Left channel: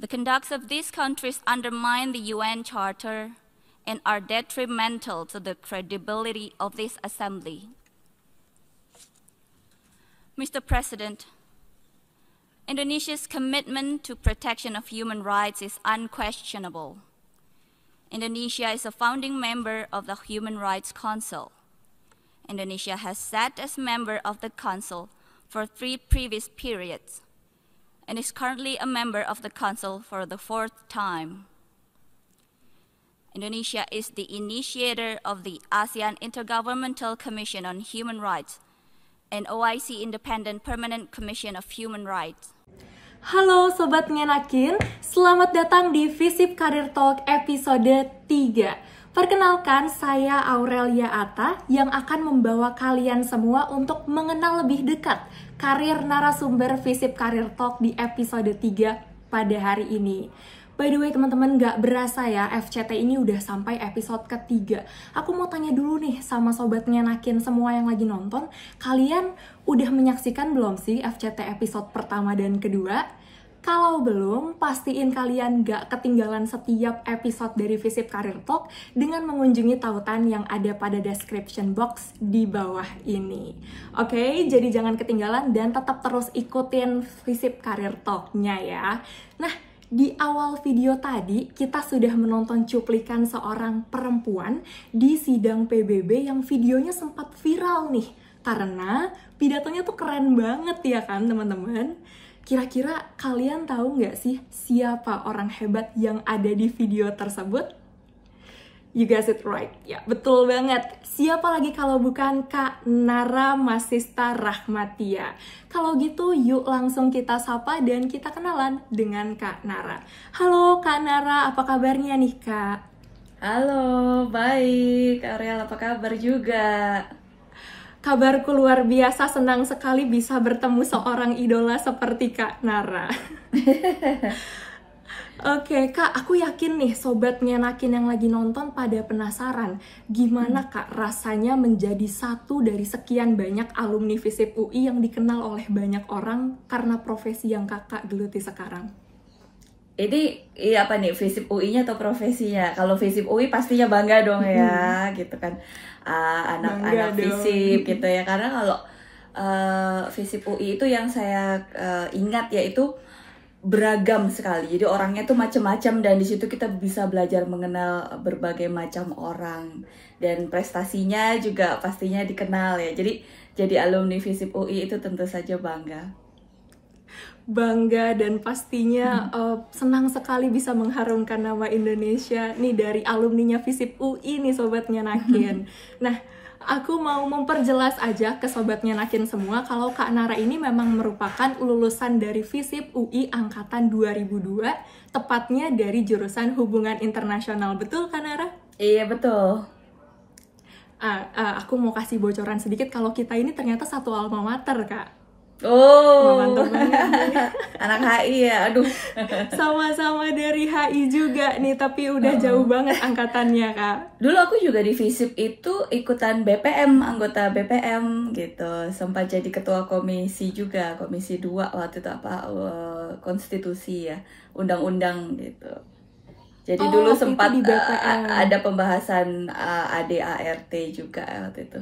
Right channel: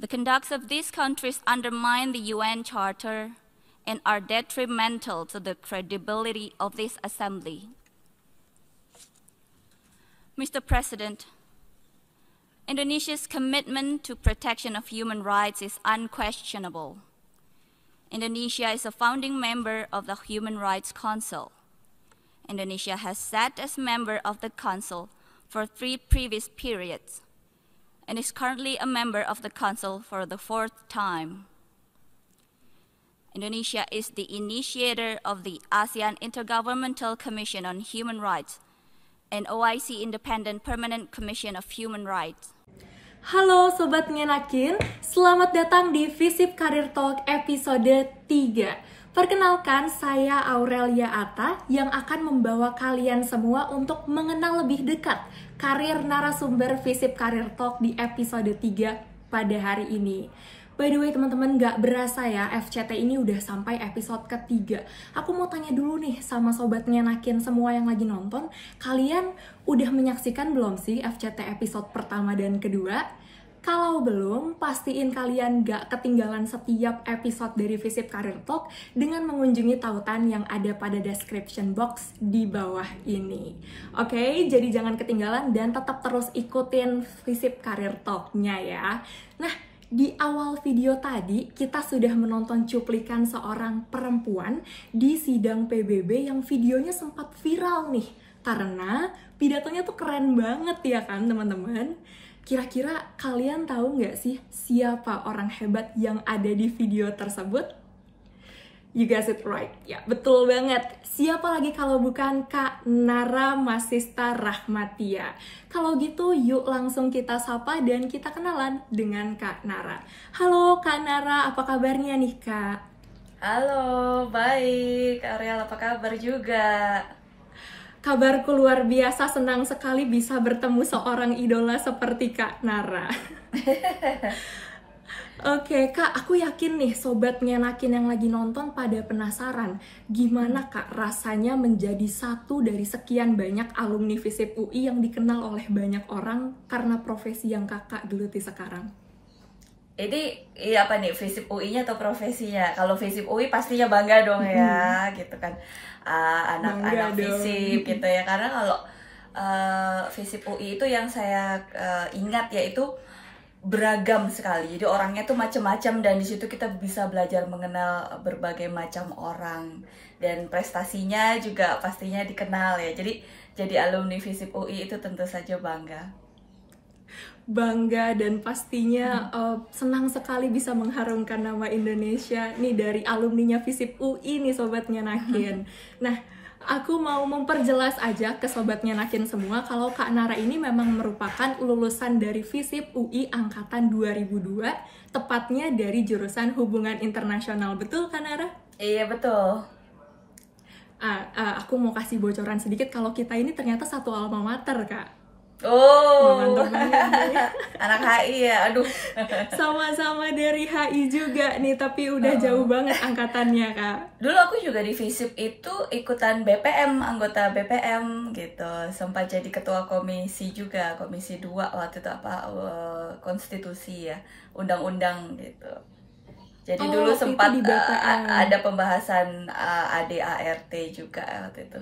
The conducts of these countries undermine the UN Charter and are detrimental to the credibility of this assembly. Mr. President, Indonesia's commitment to protection of human rights is unquestionable. Indonesia is a founding member of the Human Rights Council. Indonesia has sat as member of the Council for 3 previous periods and is currently a member of the Council for the 4th time. Indonesia is the initiator of the ASEAN Intergovernmental Commission on Human Rights and OIC Independent Permanent Commission of Human Rights. Halo Sobat Ngenakin, selamat datang di Visip Career Talk episode 3. Perkenalkan, saya Aurelia Atta yang akan membawa kalian semua untuk mengenal lebih dekat karir narasumber Visip Career Talk di episode 3 pada hari ini. By the way teman-teman, gak berasa ya FCT ini udah sampai episode ketiga. Aku mau tanya dulu nih sama Sobat Ngenakin semua yang lagi nonton, kalian udah menyaksikan belum sih FCT episode pertama dan kedua? Kalau belum, pastiin kalian gak ketinggalan setiap episode dari Visip Career Talk dengan mengunjungi tautan yang ada pada description box di bawah ini. Oke, jadi jangan ketinggalan dan tetap terus ikutin Visip Career Talk-nya ya. Nah, di awal video tadi, kita sudah menonton cuplikan seorang perempuan di sidang PBB yang videonya sempat viral nih. Karena pidatonya tuh keren banget ya kan teman-teman? Kira-kira kalian tahu nggak sih siapa orang hebat yang ada di video tersebut? You guys it right. Ya, betul banget. Siapa lagi kalau bukan Kak Nara Masista Rahmatia. Kalau gitu, yuk langsung kita sapa dan kita kenalan dengan Kak Nara. Halo Kak Nara, apa kabarnya nih Kak? Halo, baik. Aurel, apa kabar juga? Kabarku luar biasa, senang sekali bisa bertemu seorang idola seperti Kak Nara. Oke, Kak, aku yakin nih Sobat Ngenakin yang lagi nonton pada penasaran gimana Kak rasanya menjadi satu dari sekian banyak alumni Visip UI yang dikenal oleh banyak orang karena profesi yang Kakak geluti sekarang. Ini apa nih, Visip UI-nya atau profesinya? Kalau Visip UI pastinya bangga dong ya, gitu kan. Anak-anak Visip gitu ya, karena kalau Visip UI itu yang saya ingat yaitu beragam sekali. Jadi orangnya tuh macam-macam dan di situ kita bisa belajar mengenal berbagai macam orang dan prestasinya juga pastinya dikenal ya. Jadi alumni Visip UI itu tentu saja bangga dan pastinya senang sekali bisa mengharumkan nama Indonesia nih dari alumninya Visip UI nih Sobat Ngenakin. Nah, aku mau memperjelas aja ke Sobat Ngenakin semua kalau Kak Nara ini memang merupakan lulusan dari Visip UI angkatan 2002, tepatnya dari jurusan Hubungan Internasional. Betul Kak Nara? Iya, betul. Aku mau kasih bocoran sedikit kalau kita ini ternyata satu alma mater, Kak. Oh, mantap banget nih. Anak HI ya, aduh. Sama-sama dari HI juga nih, tapi udah jauh banget angkatannya, Kak. Dulu aku juga di Visip itu ikutan BPM, anggota BPM gitu. Sempat jadi ketua komisi juga, komisi 2 waktu itu konstitusi ya, undang-undang gitu. Jadi dulu sempat di BPM. Ada pembahasan ADART juga waktu itu.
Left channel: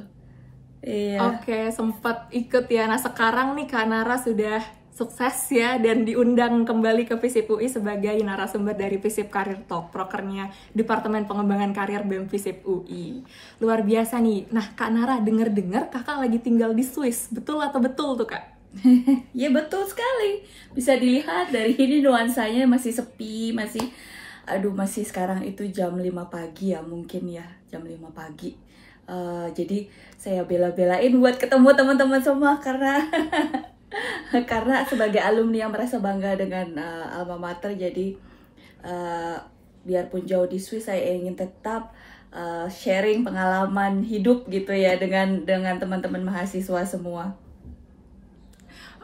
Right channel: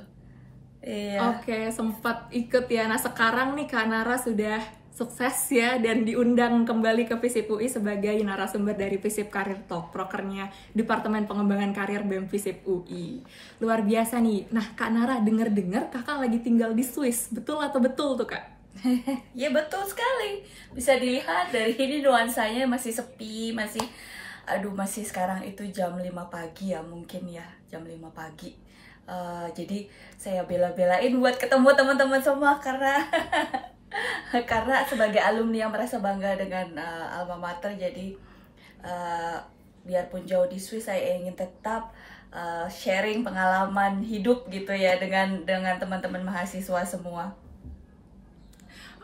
Iya. Oke, sempat ikut ya. Nah, sekarang nih Kak Nara sudah sukses ya dan diundang kembali ke Visip UI sebagai narasumber dari Visip Career Talk, prokernya Departemen Pengembangan Karir BEM Visip UI. Luar biasa nih. Nah, Kak Nara, denger-dengar Kakak lagi tinggal di Swiss. Betul atau betul tuh, Kak? Ya, betul sekali. Bisa dilihat dari ini nuansanya masih sepi, masih sekarang itu jam 5 pagi ya, mungkin ya, jam 5 pagi. Jadi saya bela-belain buat ketemu teman-teman semua karena karena sebagai alumni yang merasa bangga dengan alma mater, jadi biarpun jauh di Swiss saya ingin tetap sharing pengalaman hidup gitu ya dengan teman-teman mahasiswa semua.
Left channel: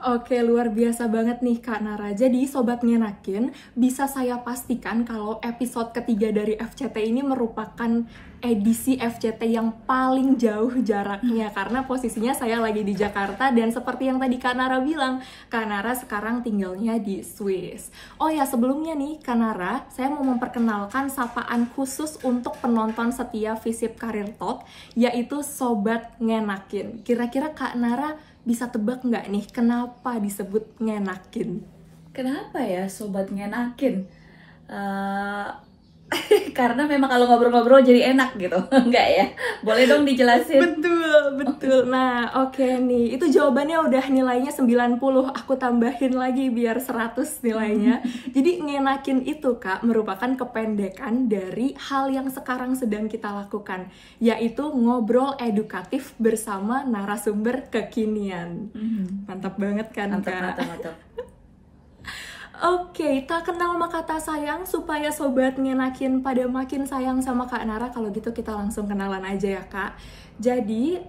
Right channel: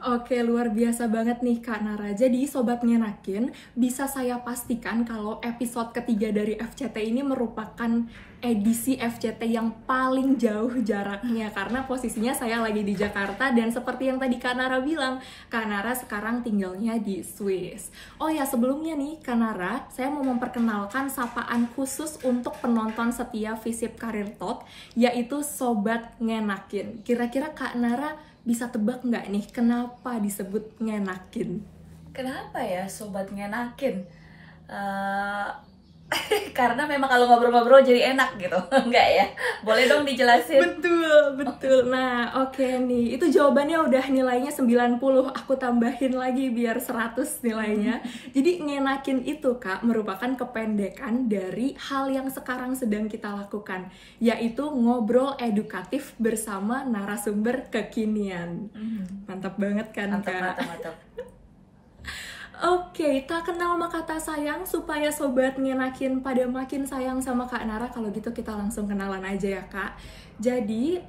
Oke, luar biasa banget nih Kak Nara. Jadi Sobat Ngenakin, bisa saya pastikan kalau episode ketiga dari FCT ini merupakan edisi FCT yang paling jauh jaraknya. Karena posisinya saya lagi di Jakarta dan seperti yang tadi Kak Nara bilang, Kak Nara sekarang tinggalnya di Swiss. Oh ya, sebelumnya nih Kak Nara, saya mau memperkenalkan sapaan khusus untuk penonton setia Visip Career Talk, yaitu Sobat Ngenakin. Kira-kira Kak Nara bisa tebak nggak nih kenapa disebut ngenakin? Kenapa ya sobat ngenakin? Karena memang kalau ngobrol-ngobrol jadi enak gitu. Enggak ya? Boleh dong dijelasin? Betul. Nah, oke nih. Itu jawabannya udah nilainya 90. Aku tambahin lagi biar 100 nilainya. Jadi ngenakin itu Kak merupakan kependekan dari hal yang sekarang sedang kita lakukan, yaitu ngobrol edukatif bersama narasumber kekinian. Mantap banget kan Kak? Mantap. Oke, tak kenal maka kata sayang supaya Sobat Ngenakin pada makin sayang sama Kak Nara. Kalau gitu kita langsung kenalan aja ya Kak. Jadi,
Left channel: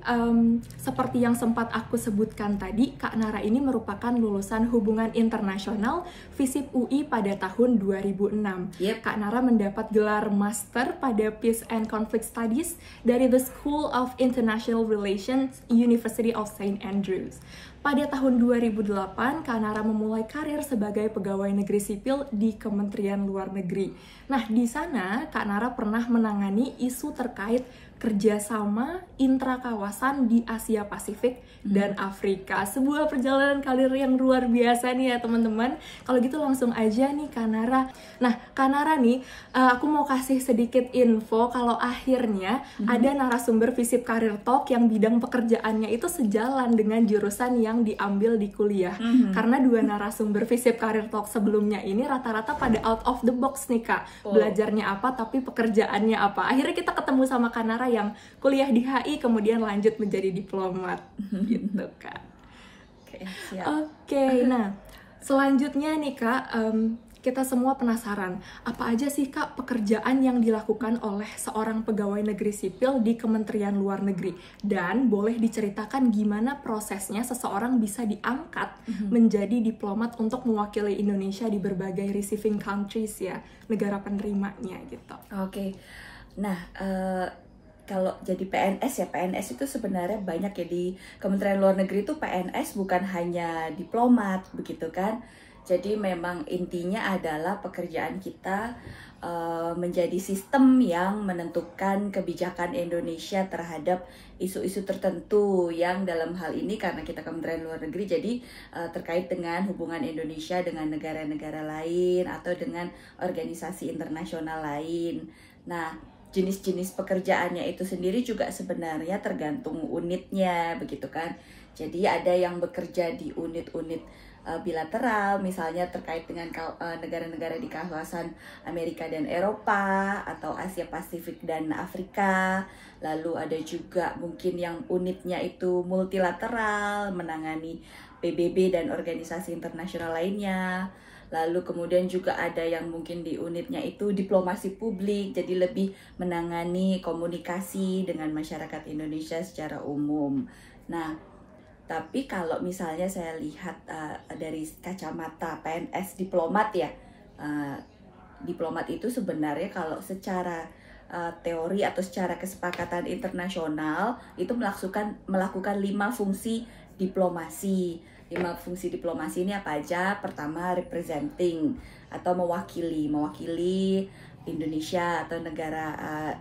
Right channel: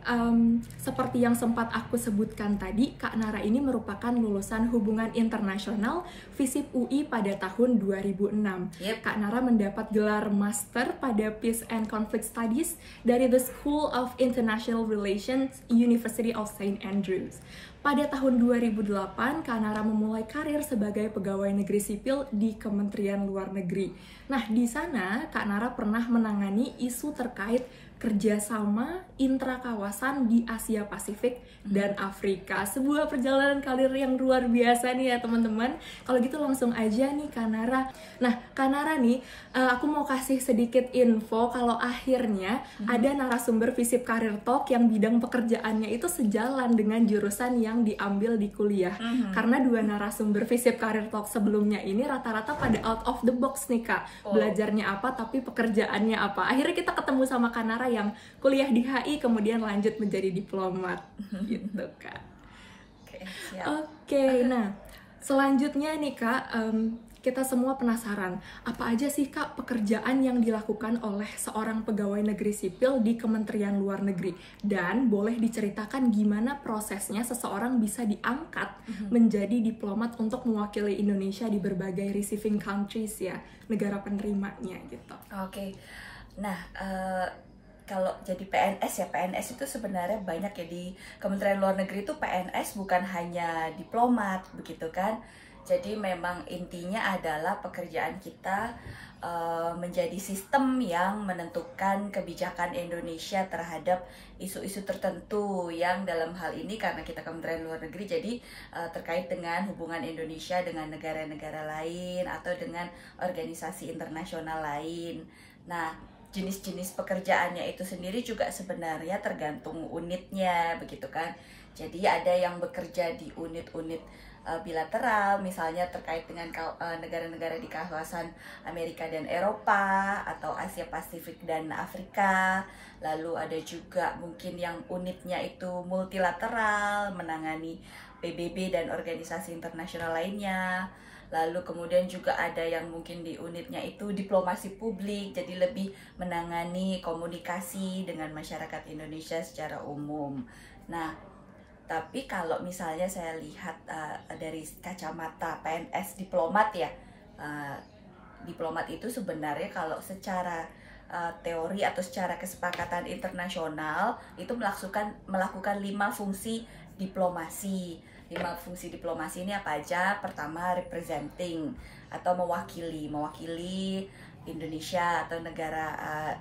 seperti yang sempat aku sebutkan tadi, Kak Nara ini merupakan lulusan hubungan internasional Visip UI pada tahun 2006. Yep. Kak Nara mendapat gelar Master pada Peace and Conflict Studies dari The School of International Relations, University of St. Andrews. Pada tahun 2008, Kak Nara memulai karir sebagai pegawai negeri sipil di Kementerian Luar Negeri. Nah, di sana Kak Nara pernah menangani isu terkait kerjasama intrakawasan di Asia Pasifik dan Afrika. Sebuah perjalanan karir yang luar biasa nih ya teman-teman. Kalau gitu langsung aja nih Kak Nara. Nah, Kak Nara nih, aku mau kasih sedikit info kalau akhirnya ada narasumber Visip Career Talk yang bidang pekerjaannya itu sejalan dengan jurusan yang diambil di kuliah. Karena dua narasumber Visip Career Talk sebelumnya ini rata-rata pada out of the box nih Kak. Belajarnya apa tapi pekerjaannya apa. Akhirnya kita ketemu sama Kak Nara yang kuliah di HI kemudian lanjut menjadi diplomat gitu Kak. Oke, nah selanjutnya nih Kak, kita semua penasaran, apa aja sih Kak pekerjaan yang dilakukan oleh seorang pegawai negeri sipil di Kementerian Luar Negeri? Dan boleh diceritakan gimana prosesnya seseorang bisa diangkat menjadi diplomat untuk mewakili Indonesia di berbagai receiving countries ya, negara penerimanya gitu. Oke. Nah, kalau jadi PNS ya, PNS itu sebenarnya banyak ya di Kementerian Luar Negeri itu PNS bukan hanya diplomat begitu kan. Jadi memang intinya adalah pekerjaan kita menjadi sistem yang menentukan kebijakan Indonesia terhadap isu-isu tertentu yang dalam hal ini karena kita Kementerian Luar Negeri jadi terkait dengan hubungan Indonesia dengan negara-negara lain atau dengan organisasi internasional lain. Nah, jenis-jenis pekerjaannya itu sendiri juga sebenarnya tergantung unitnya begitu kan. Jadi ada yang bekerja di unit-unit bilateral, misalnya terkait dengan negara-negara di kawasan Amerika dan Eropa atau Asia Pasifik dan Afrika. Lalu ada juga mungkin yang unitnya itu multilateral, menangani PBB dan organisasi internasional lainnya. Lalu kemudian juga ada yang mungkin di unitnya itu diplomasi publik, jadi lebih menangani komunikasi dengan masyarakat Indonesia secara umum. Nah, tapi kalau misalnya saya lihat dari kacamata PNS diplomat ya, diplomat itu sebenarnya kalau secara teori atau secara kesepakatan internasional itu melakukan 5 fungsi diplomasi. 5 fungsi diplomasi ini apa aja? Pertama, representing atau mewakili Indonesia atau negara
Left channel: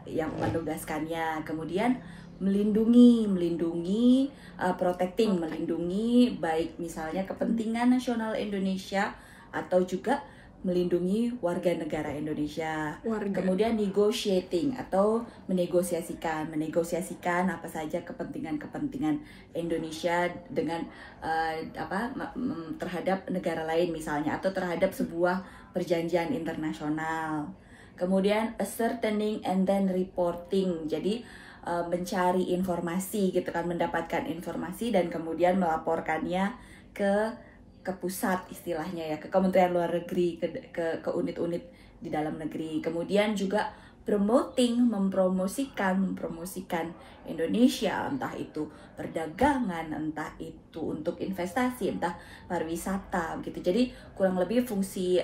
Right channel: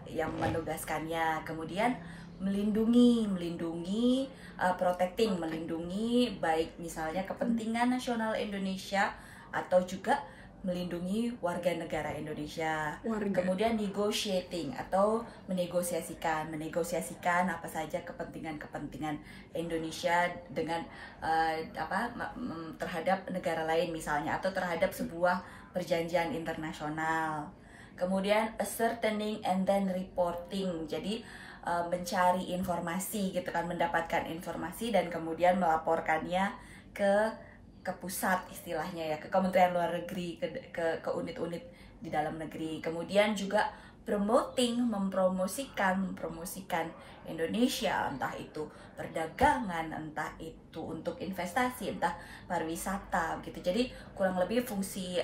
yang menugaskannya. Kemudian melindungi, protecting, melindungi baik misalnya kepentingan nasional Indonesia atau juga melindungi warga negara Indonesia. Kemudian negotiating atau menegosiasikan apa saja kepentingan Indonesia dengan terhadap negara lain misalnya atau terhadap sebuah perjanjian internasional. Kemudian ascertaining and then reporting. Jadi mencari informasi gitu kan, mendapatkan informasi dan kemudian melaporkannya ke pusat istilahnya ya, ke Kementerian Luar Negeri, ke unit-unit di dalam negeri. Kemudian juga mempromosikan Indonesia, entah itu perdagangan, entah itu untuk investasi, entah pariwisata begitu. Jadi kurang lebih fungsi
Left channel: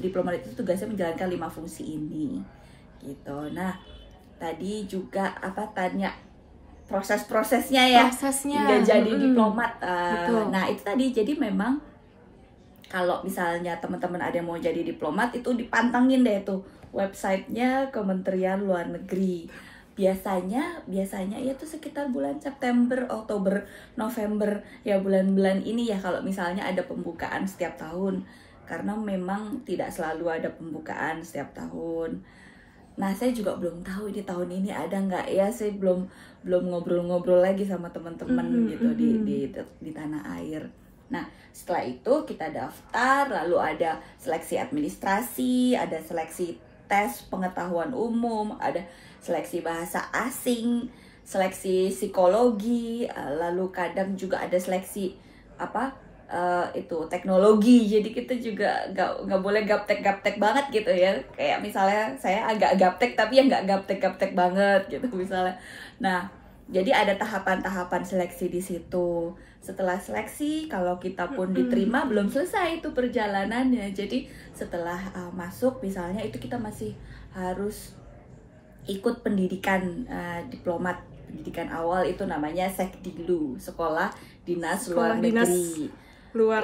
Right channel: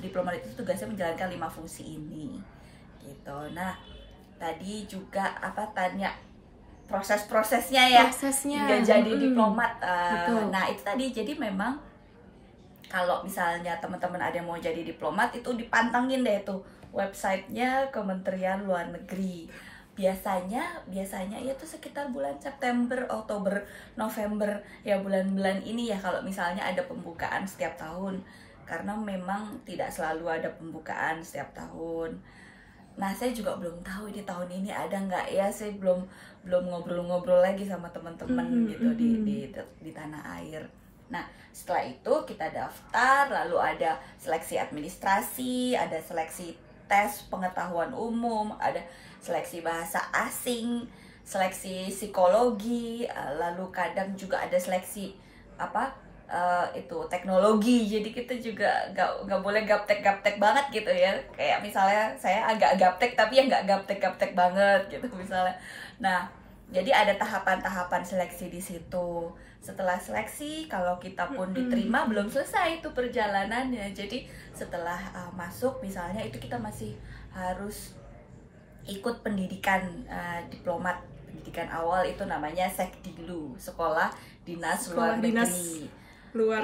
diplomat itu tugasnya menjalankan 5 fungsi ini gitu. Nah, tadi juga tanya prosesnya ya, hingga jadi diplomat. Nah, itu tadi, jadi memang kalau misalnya teman-teman ada yang mau jadi diplomat, itu dipantengin deh tuh websitenya Kementerian Luar Negeri. Biasanya ya tuh sekitar bulan September, Oktober, November, ya bulan-bulan ini ya, kalau misalnya ada pembukaan setiap tahun, karena memang tidak selalu ada pembukaan setiap tahun. Nah, saya juga belum tahu di tahun ini ada nggak ya, saya belum ngobrol-ngobrol lagi sama teman-teman gitu di tanah air. Nah, setelah itu kita daftar, lalu ada seleksi administrasi, ada seleksi tes pengetahuan umum, ada seleksi bahasa asing, seleksi psikologi, lalu kadang juga ada seleksi itu teknologi. Jadi kita juga nggak boleh gaptek banget gitu ya, kayak misalnya saya agak gaptek tapi ya nggak gaptek banget gitu misalnya. Nah, jadi ada tahapan-tahapan seleksi di situ. Setelah seleksi, kalau kita pun diterima, belum selesai itu perjalanannya. Jadi setelah masuk misalnya, itu kita masih harus ikut pendidikan diplomat. Pendidikan awal itu namanya Sekdilu, Sekolah Dinas Luar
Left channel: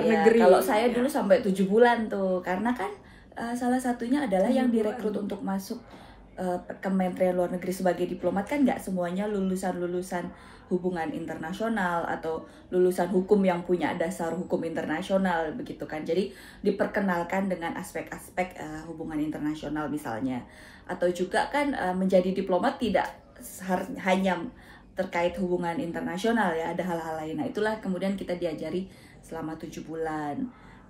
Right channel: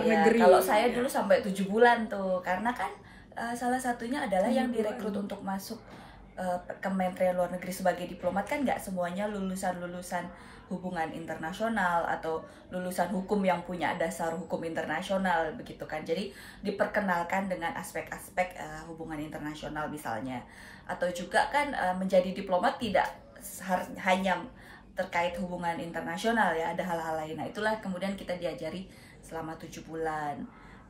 Negeri. Kalau saya dulu sampai 7 bulan tuh, karena kan salah satunya adalah yang direkrut untuk masuk Kementerian Luar Negeri sebagai diplomat kan nggak semuanya lulusan hubungan internasional atau lulusan hukum yang punya dasar hukum internasional begitu kan. Jadi diperkenalkan dengan aspek-aspek hubungan internasional misalnya. Atau juga kan menjadi diplomat tidak hanya terkait hubungan internasional ya, ada hal-hal lain. Nah, itulah kemudian kita diajari selama 7 bulan.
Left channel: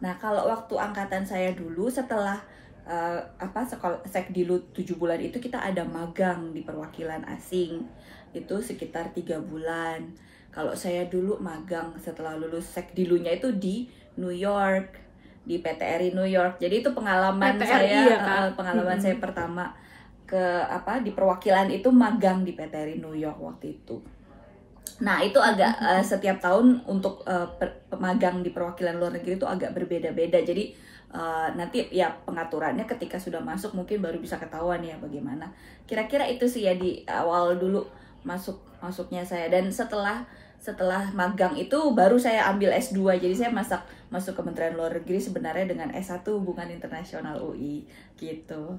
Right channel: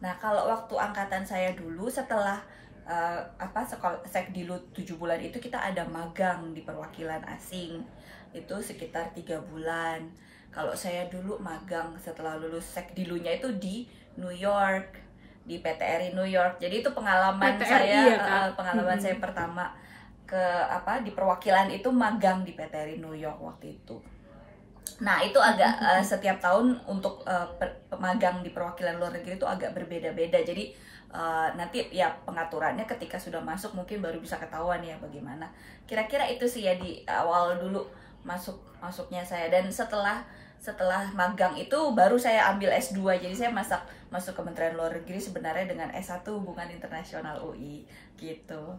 Nah, kalau waktu angkatan saya dulu, setelah sekolah Sekdilu 7 bulan itu, kita ada magang di perwakilan asing, itu sekitar 3 bulan. Kalau saya dulu magang setelah lulus Sekdilunya itu di New York, di PTRI New York. Jadi itu pengalaman saya pertama ke di perwakilan itu, magang di PTRI New York waktu itu. Nah, itu agak setiap tahun untuk magang di perwakilan luar negeri itu agak berbeda-beda. Jadi nanti ya pengaturannya ketika sudah masuk mungkin baru bisa ketahuan ya bagaimana. Kira-kira itu sih ya di awal dulu masuknya saya. Dan setelah magang itu baru saya ambil S2. Jadi saya masuk Kementerian Luar Negeri sebenarnya dengan S1 Hubungan Internasional UI gitu.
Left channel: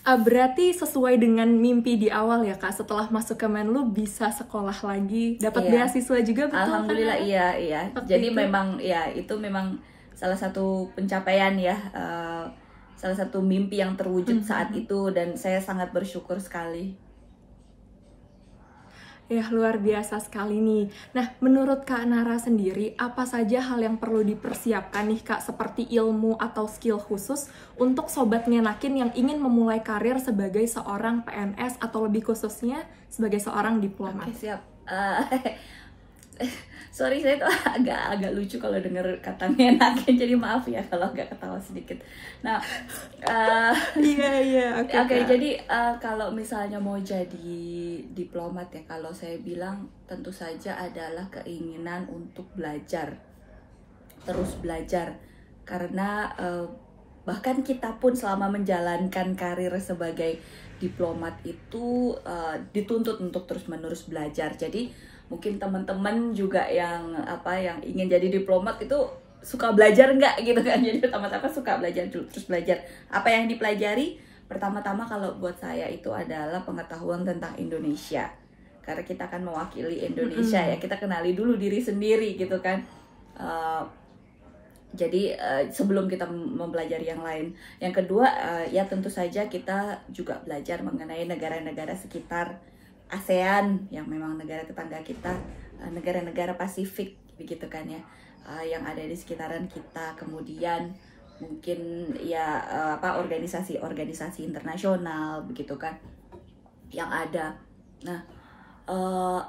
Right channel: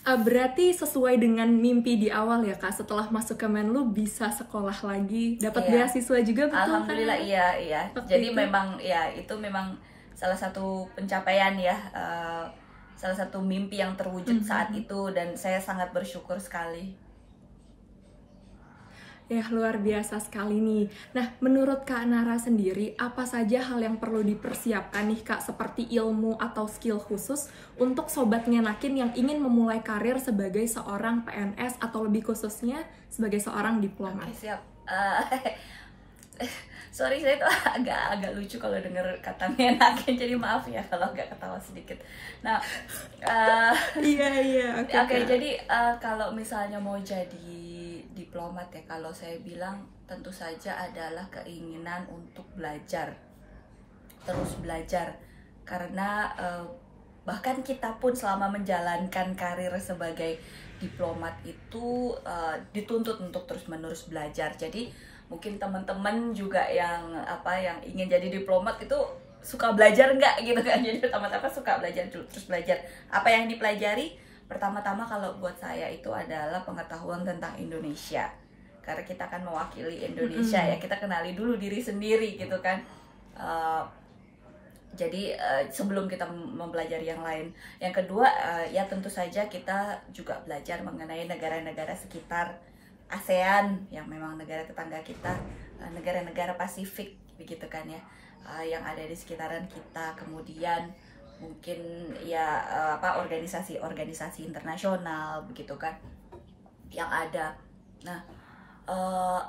Berarti sesuai dengan mimpi di awal ya Kak, setelah masuk Kemenlu bisa sekolah lagi, dapat beasiswa juga, betul kan? Alhamdulillah, iya. Jadi memang ya itu memang salah satu pencapaian ya, salah satu mimpi yang terwujud saat itu, dan saya sangat bersyukur sekali. Ya, luar biasa sekali nih. Nah, menurut Kak Nara sendiri, apa saja hal yang perlu dipersiapkan nih Kak, seperti ilmu atau skill khusus untuk Sobat Ngenakin yang ingin memulai karir sebagai seorang PNS atau lebih khususnya sebagai seorang diplomat? Siap. Sorry, saya tuh agak lucu kalau dengar kata ngenakin, jadi maaf ya kalau agak ketawa sedikit. Nah, Oke. Jadi kalau misalnya mau jadi diplomat ya, kalau saya bilang tentu saja adalah keinginan untuk terus belajar, karena bahkan kita pun selama menjalankan karir sebagai diplomat itu dituntut untuk terus-menerus belajar. Jadi mungkin teman-teman juga yang ingin jadi diplomat itu suka belajar nggak gitu kan. Jadi pertama-tama suka belajar dulu, terus belajar. Apa yang dipelajari? Pertama-tama kalau buat saya itu adalah pengetahuan tentang Indonesia, karena kita akan mewakili Indonesia ya, kita kenali dulu diri sendiri gitu kan. Jadi sebelum kita mempelajari yang lain. Yang kedua ya tentu saja kita juga belajar mengenai negara-negara sekitar ASEAN yang memang negara tetangga kita, negara-negara Pasifik begitu kan ya, yang ada di sekitaran kita. Kemudian mungkin ya organisasi-organisasi internasional begitu kan yang ada. Nah,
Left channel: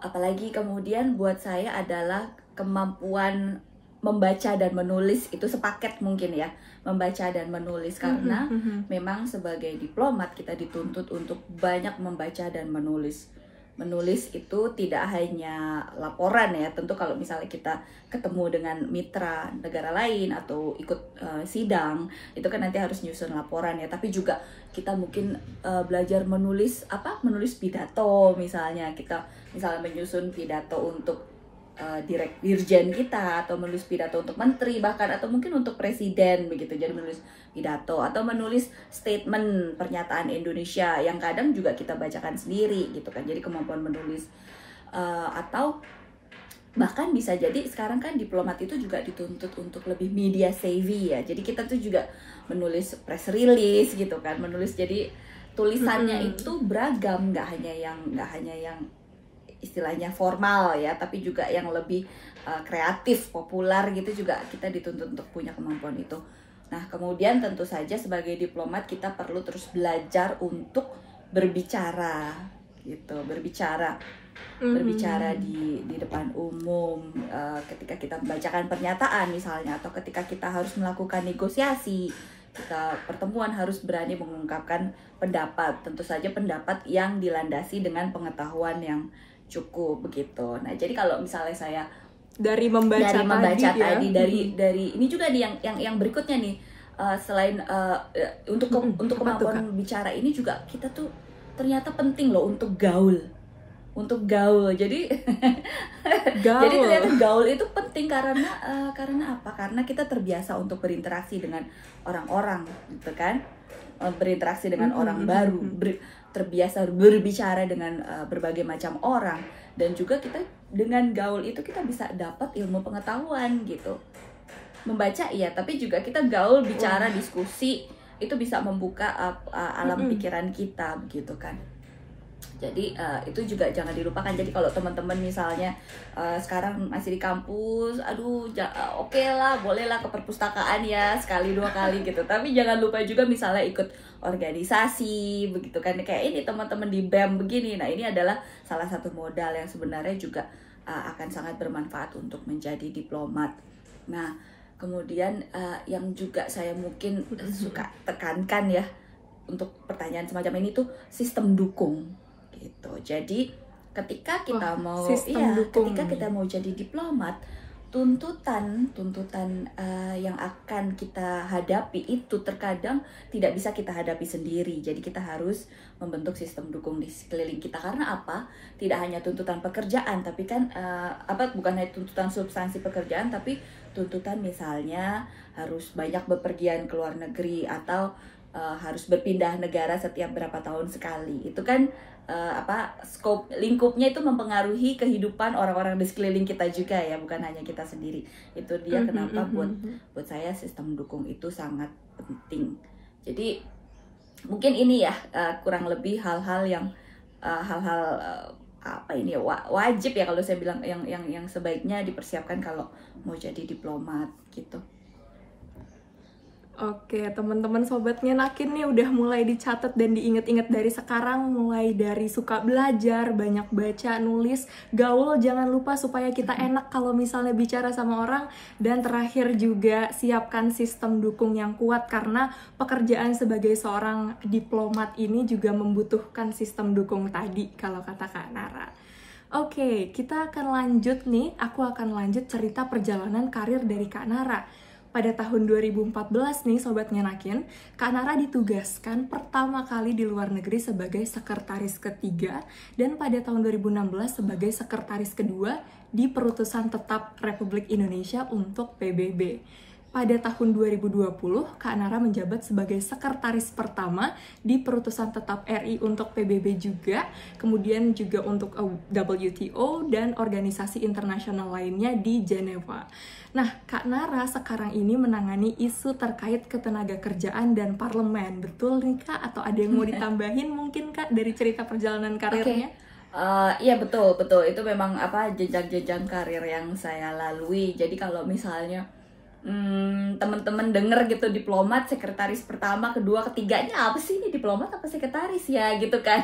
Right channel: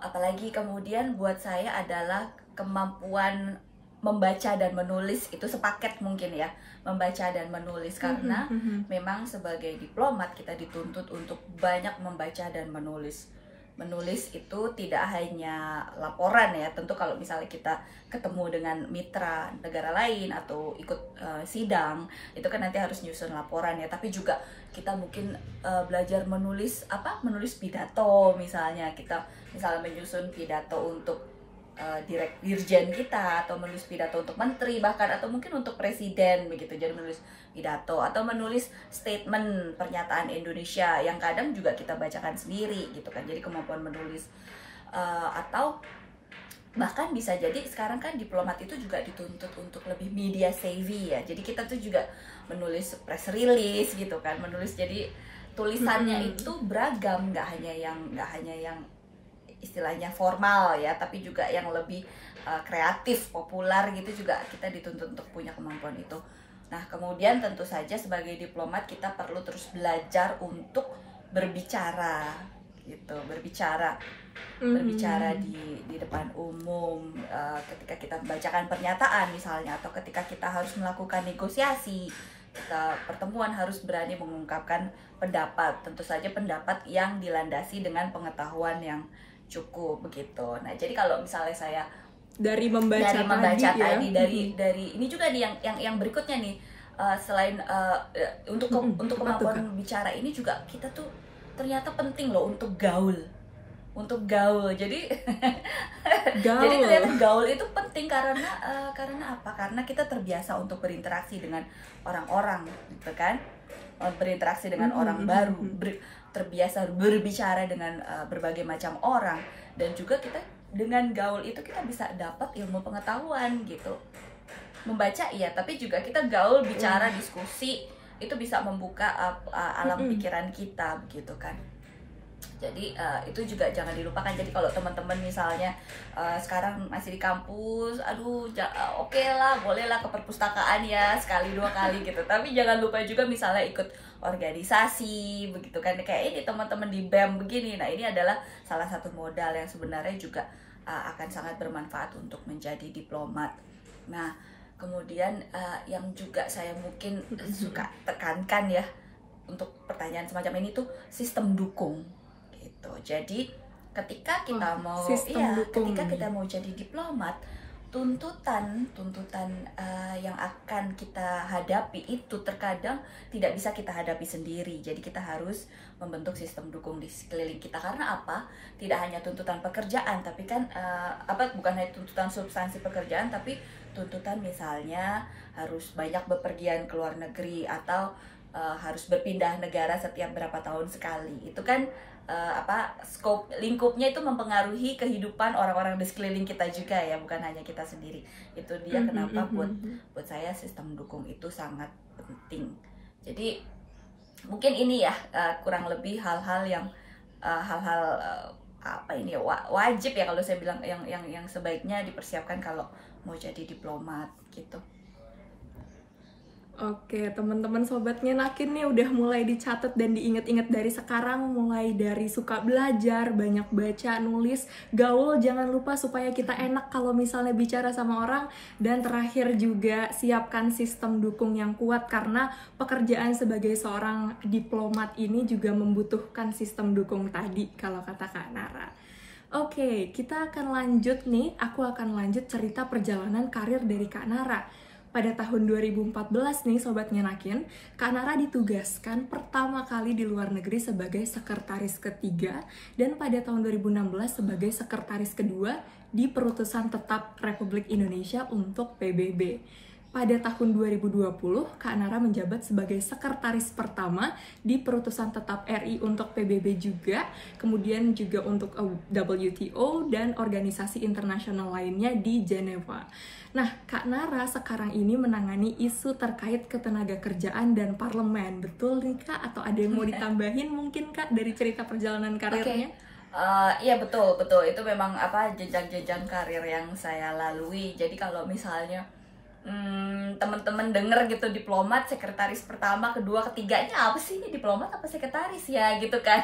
apalagi kemudian buat saya adalah kemampuan membaca dan menulis itu sepaket mungkin ya, membaca dan menulis, karena memang sebagai diplomat kita dituntut untuk banyak membaca dan menulis. Menulis itu tidak hanya laporan ya, tentu kalau misalnya kita ketemu dengan mitra negara lain atau ikut sidang, itu kan nanti harus nyusun laporan ya, tapi juga kita mungkin belajar menulis menulis pidato, misalnya kita menyusun pidato untuk dirjen kita, atau menulis pidato untuk menteri bahkan, atau mungkin untuk presiden begitu, jadi menulis pidato atau menulis statement pernyataan Indonesia yang kadang juga kita bacakan sendiri gitu kan, jadi kemampuan menulis atau bahkan bisa jadi sekarang kan diplomat itu juga dituntut untuk lebih media savvy ya, jadi kita tuh juga menulis press release gitu kan, menulis, jadi tulisannya itu beragam, nggak hanya yang istilahnya formal ya, tapi juga yang lebih kreatif, populer gitu, juga kita dituntut untuk punya kemampuan itu. Nah, kemudian tentu saja sebagai diplomat kita perlu terus belajar untuk berbicara gitu, berbicara di depan umum, ketika kita membacakan pernyataan misalnya, atau ketika kita harus melakukan negosiasi, pertemuan harus berani mengungkapkan pendapat, tentu saja pendapat yang dilandasi dengan pengetahuan yang cukup begitu. Nah, jadi kalau misalnya saya dari membaca tadi ya, dari ini juga nih yang berikutnya nih, selain untuk kemampuan bicara ini juga kita tuh ternyata penting loh untuk gaul. Jadi gaul itu penting karena apa? Karena kita terbiasa untuk berinteraksi dengan orang-orang gitu kan, berinteraksi dengan orang baru, terbiasa berbicara dengan berbagai macam orang, dan juga kita dengan gaul itu kita bisa dapat ilmu pengetahuan gitu. Membaca iya, tapi juga kita gaul, bicara, diskusi, itu bisa membuka alam pikiran kita gitu kan. Jadi itu juga jangan dilupakan. Jadi kalau teman-teman misalnya sekarang masih di kampus, aduh oke lah, bolehlah ke perpustakaan ya sekali 2 kali gitu, tapi jangan lupa juga misalnya ikut organisasi begitu kan, kayak ini teman-teman di BEM begini. Nah, ini adalah salah satu modal yang sebenarnya juga akan sangat bermanfaat untuk menjadi diplomat. Nah, kemudian yang juga saya mungkin suka tekankan ya untuk pertanyaan semacam ini tuh sistem dukung gitu. Jadi ketika kita kita mau jadi diplomat, tuntutan yang akan kita hadapi itu terkadang tidak bisa kita hadapi sendiri. Jadi kita harus membentuk sistem dukung di sekeliling kita. Karena apa? Tidak hanya tuntutan pekerjaan, tapi kan bukan hanya tuntutan substansi pekerjaan, tapi tuntutan misalnya harus banyak bepergian ke luar negeri, atau harus berpindah negara setiap berapa tahun sekali. Itu kan scope lingkupnya itu mempengaruhi kehidupan orang-orang di sekeliling kita juga ya, bukan hanya kita sendiri. Itu dia kenapa buat saya sistem dukung itu sangat penting. Jadi mungkin ini ya kurang lebih hal-hal yang wajib ya kalau saya bilang, yang sebaiknya dipersiapkan kalau mau jadi diplomat gitu. Oke, teman-teman sobat ngenakin nih udah mulai dicatat dan diinget-inget dari sekarang, mulai dari suka belajar, banyak baca, nulis, gaul, jangan lupa supaya kita enak kalau misalnya bicara sama orang, dan terakhir juga siapkan sistem dukung yang kuat, karena pekerjaan sebagai seorang diplomat ini juga membutuhkan sistem dukung tadi kalau kata Kak Nara. Oke, kita akan lanjut nih, aku akan lanjut cerita perjalanan karir dari Kak Nara. Pada tahun 2014 nih Sobat Ngenakin, Kak Nara ditugaskan pertama kali di luar negeri sebagai sekretaris ketiga, dan pada tahun 2016 sebagai sekretaris kedua di Perutusan Tetap Republik Indonesia untuk PBB. Pada tahun 2020, Kak Nara menjabat sebagai sekretaris pertama di Perutusan Tetap RI untuk PBB juga, kemudian juga untuk WTO dan organisasi internasional lainnya di Jenewa. Nah, Kak Nara sekarang ini menangani isu terkait ketenaga kerjaan dan parlemen. Betul nih Kak? Atau ada yang mau ditambahin mungkin Kak dari cerita perjalanan karirnya? Iya betul. Itu memang jenjang-jenjang karir yang saya lalui. Jadi kalau misalnya teman-teman denger gitu diplomat, sekretaris pertama, kedua, ketiganya apa sih ini, diplomat apa sekretaris ya gitu kan.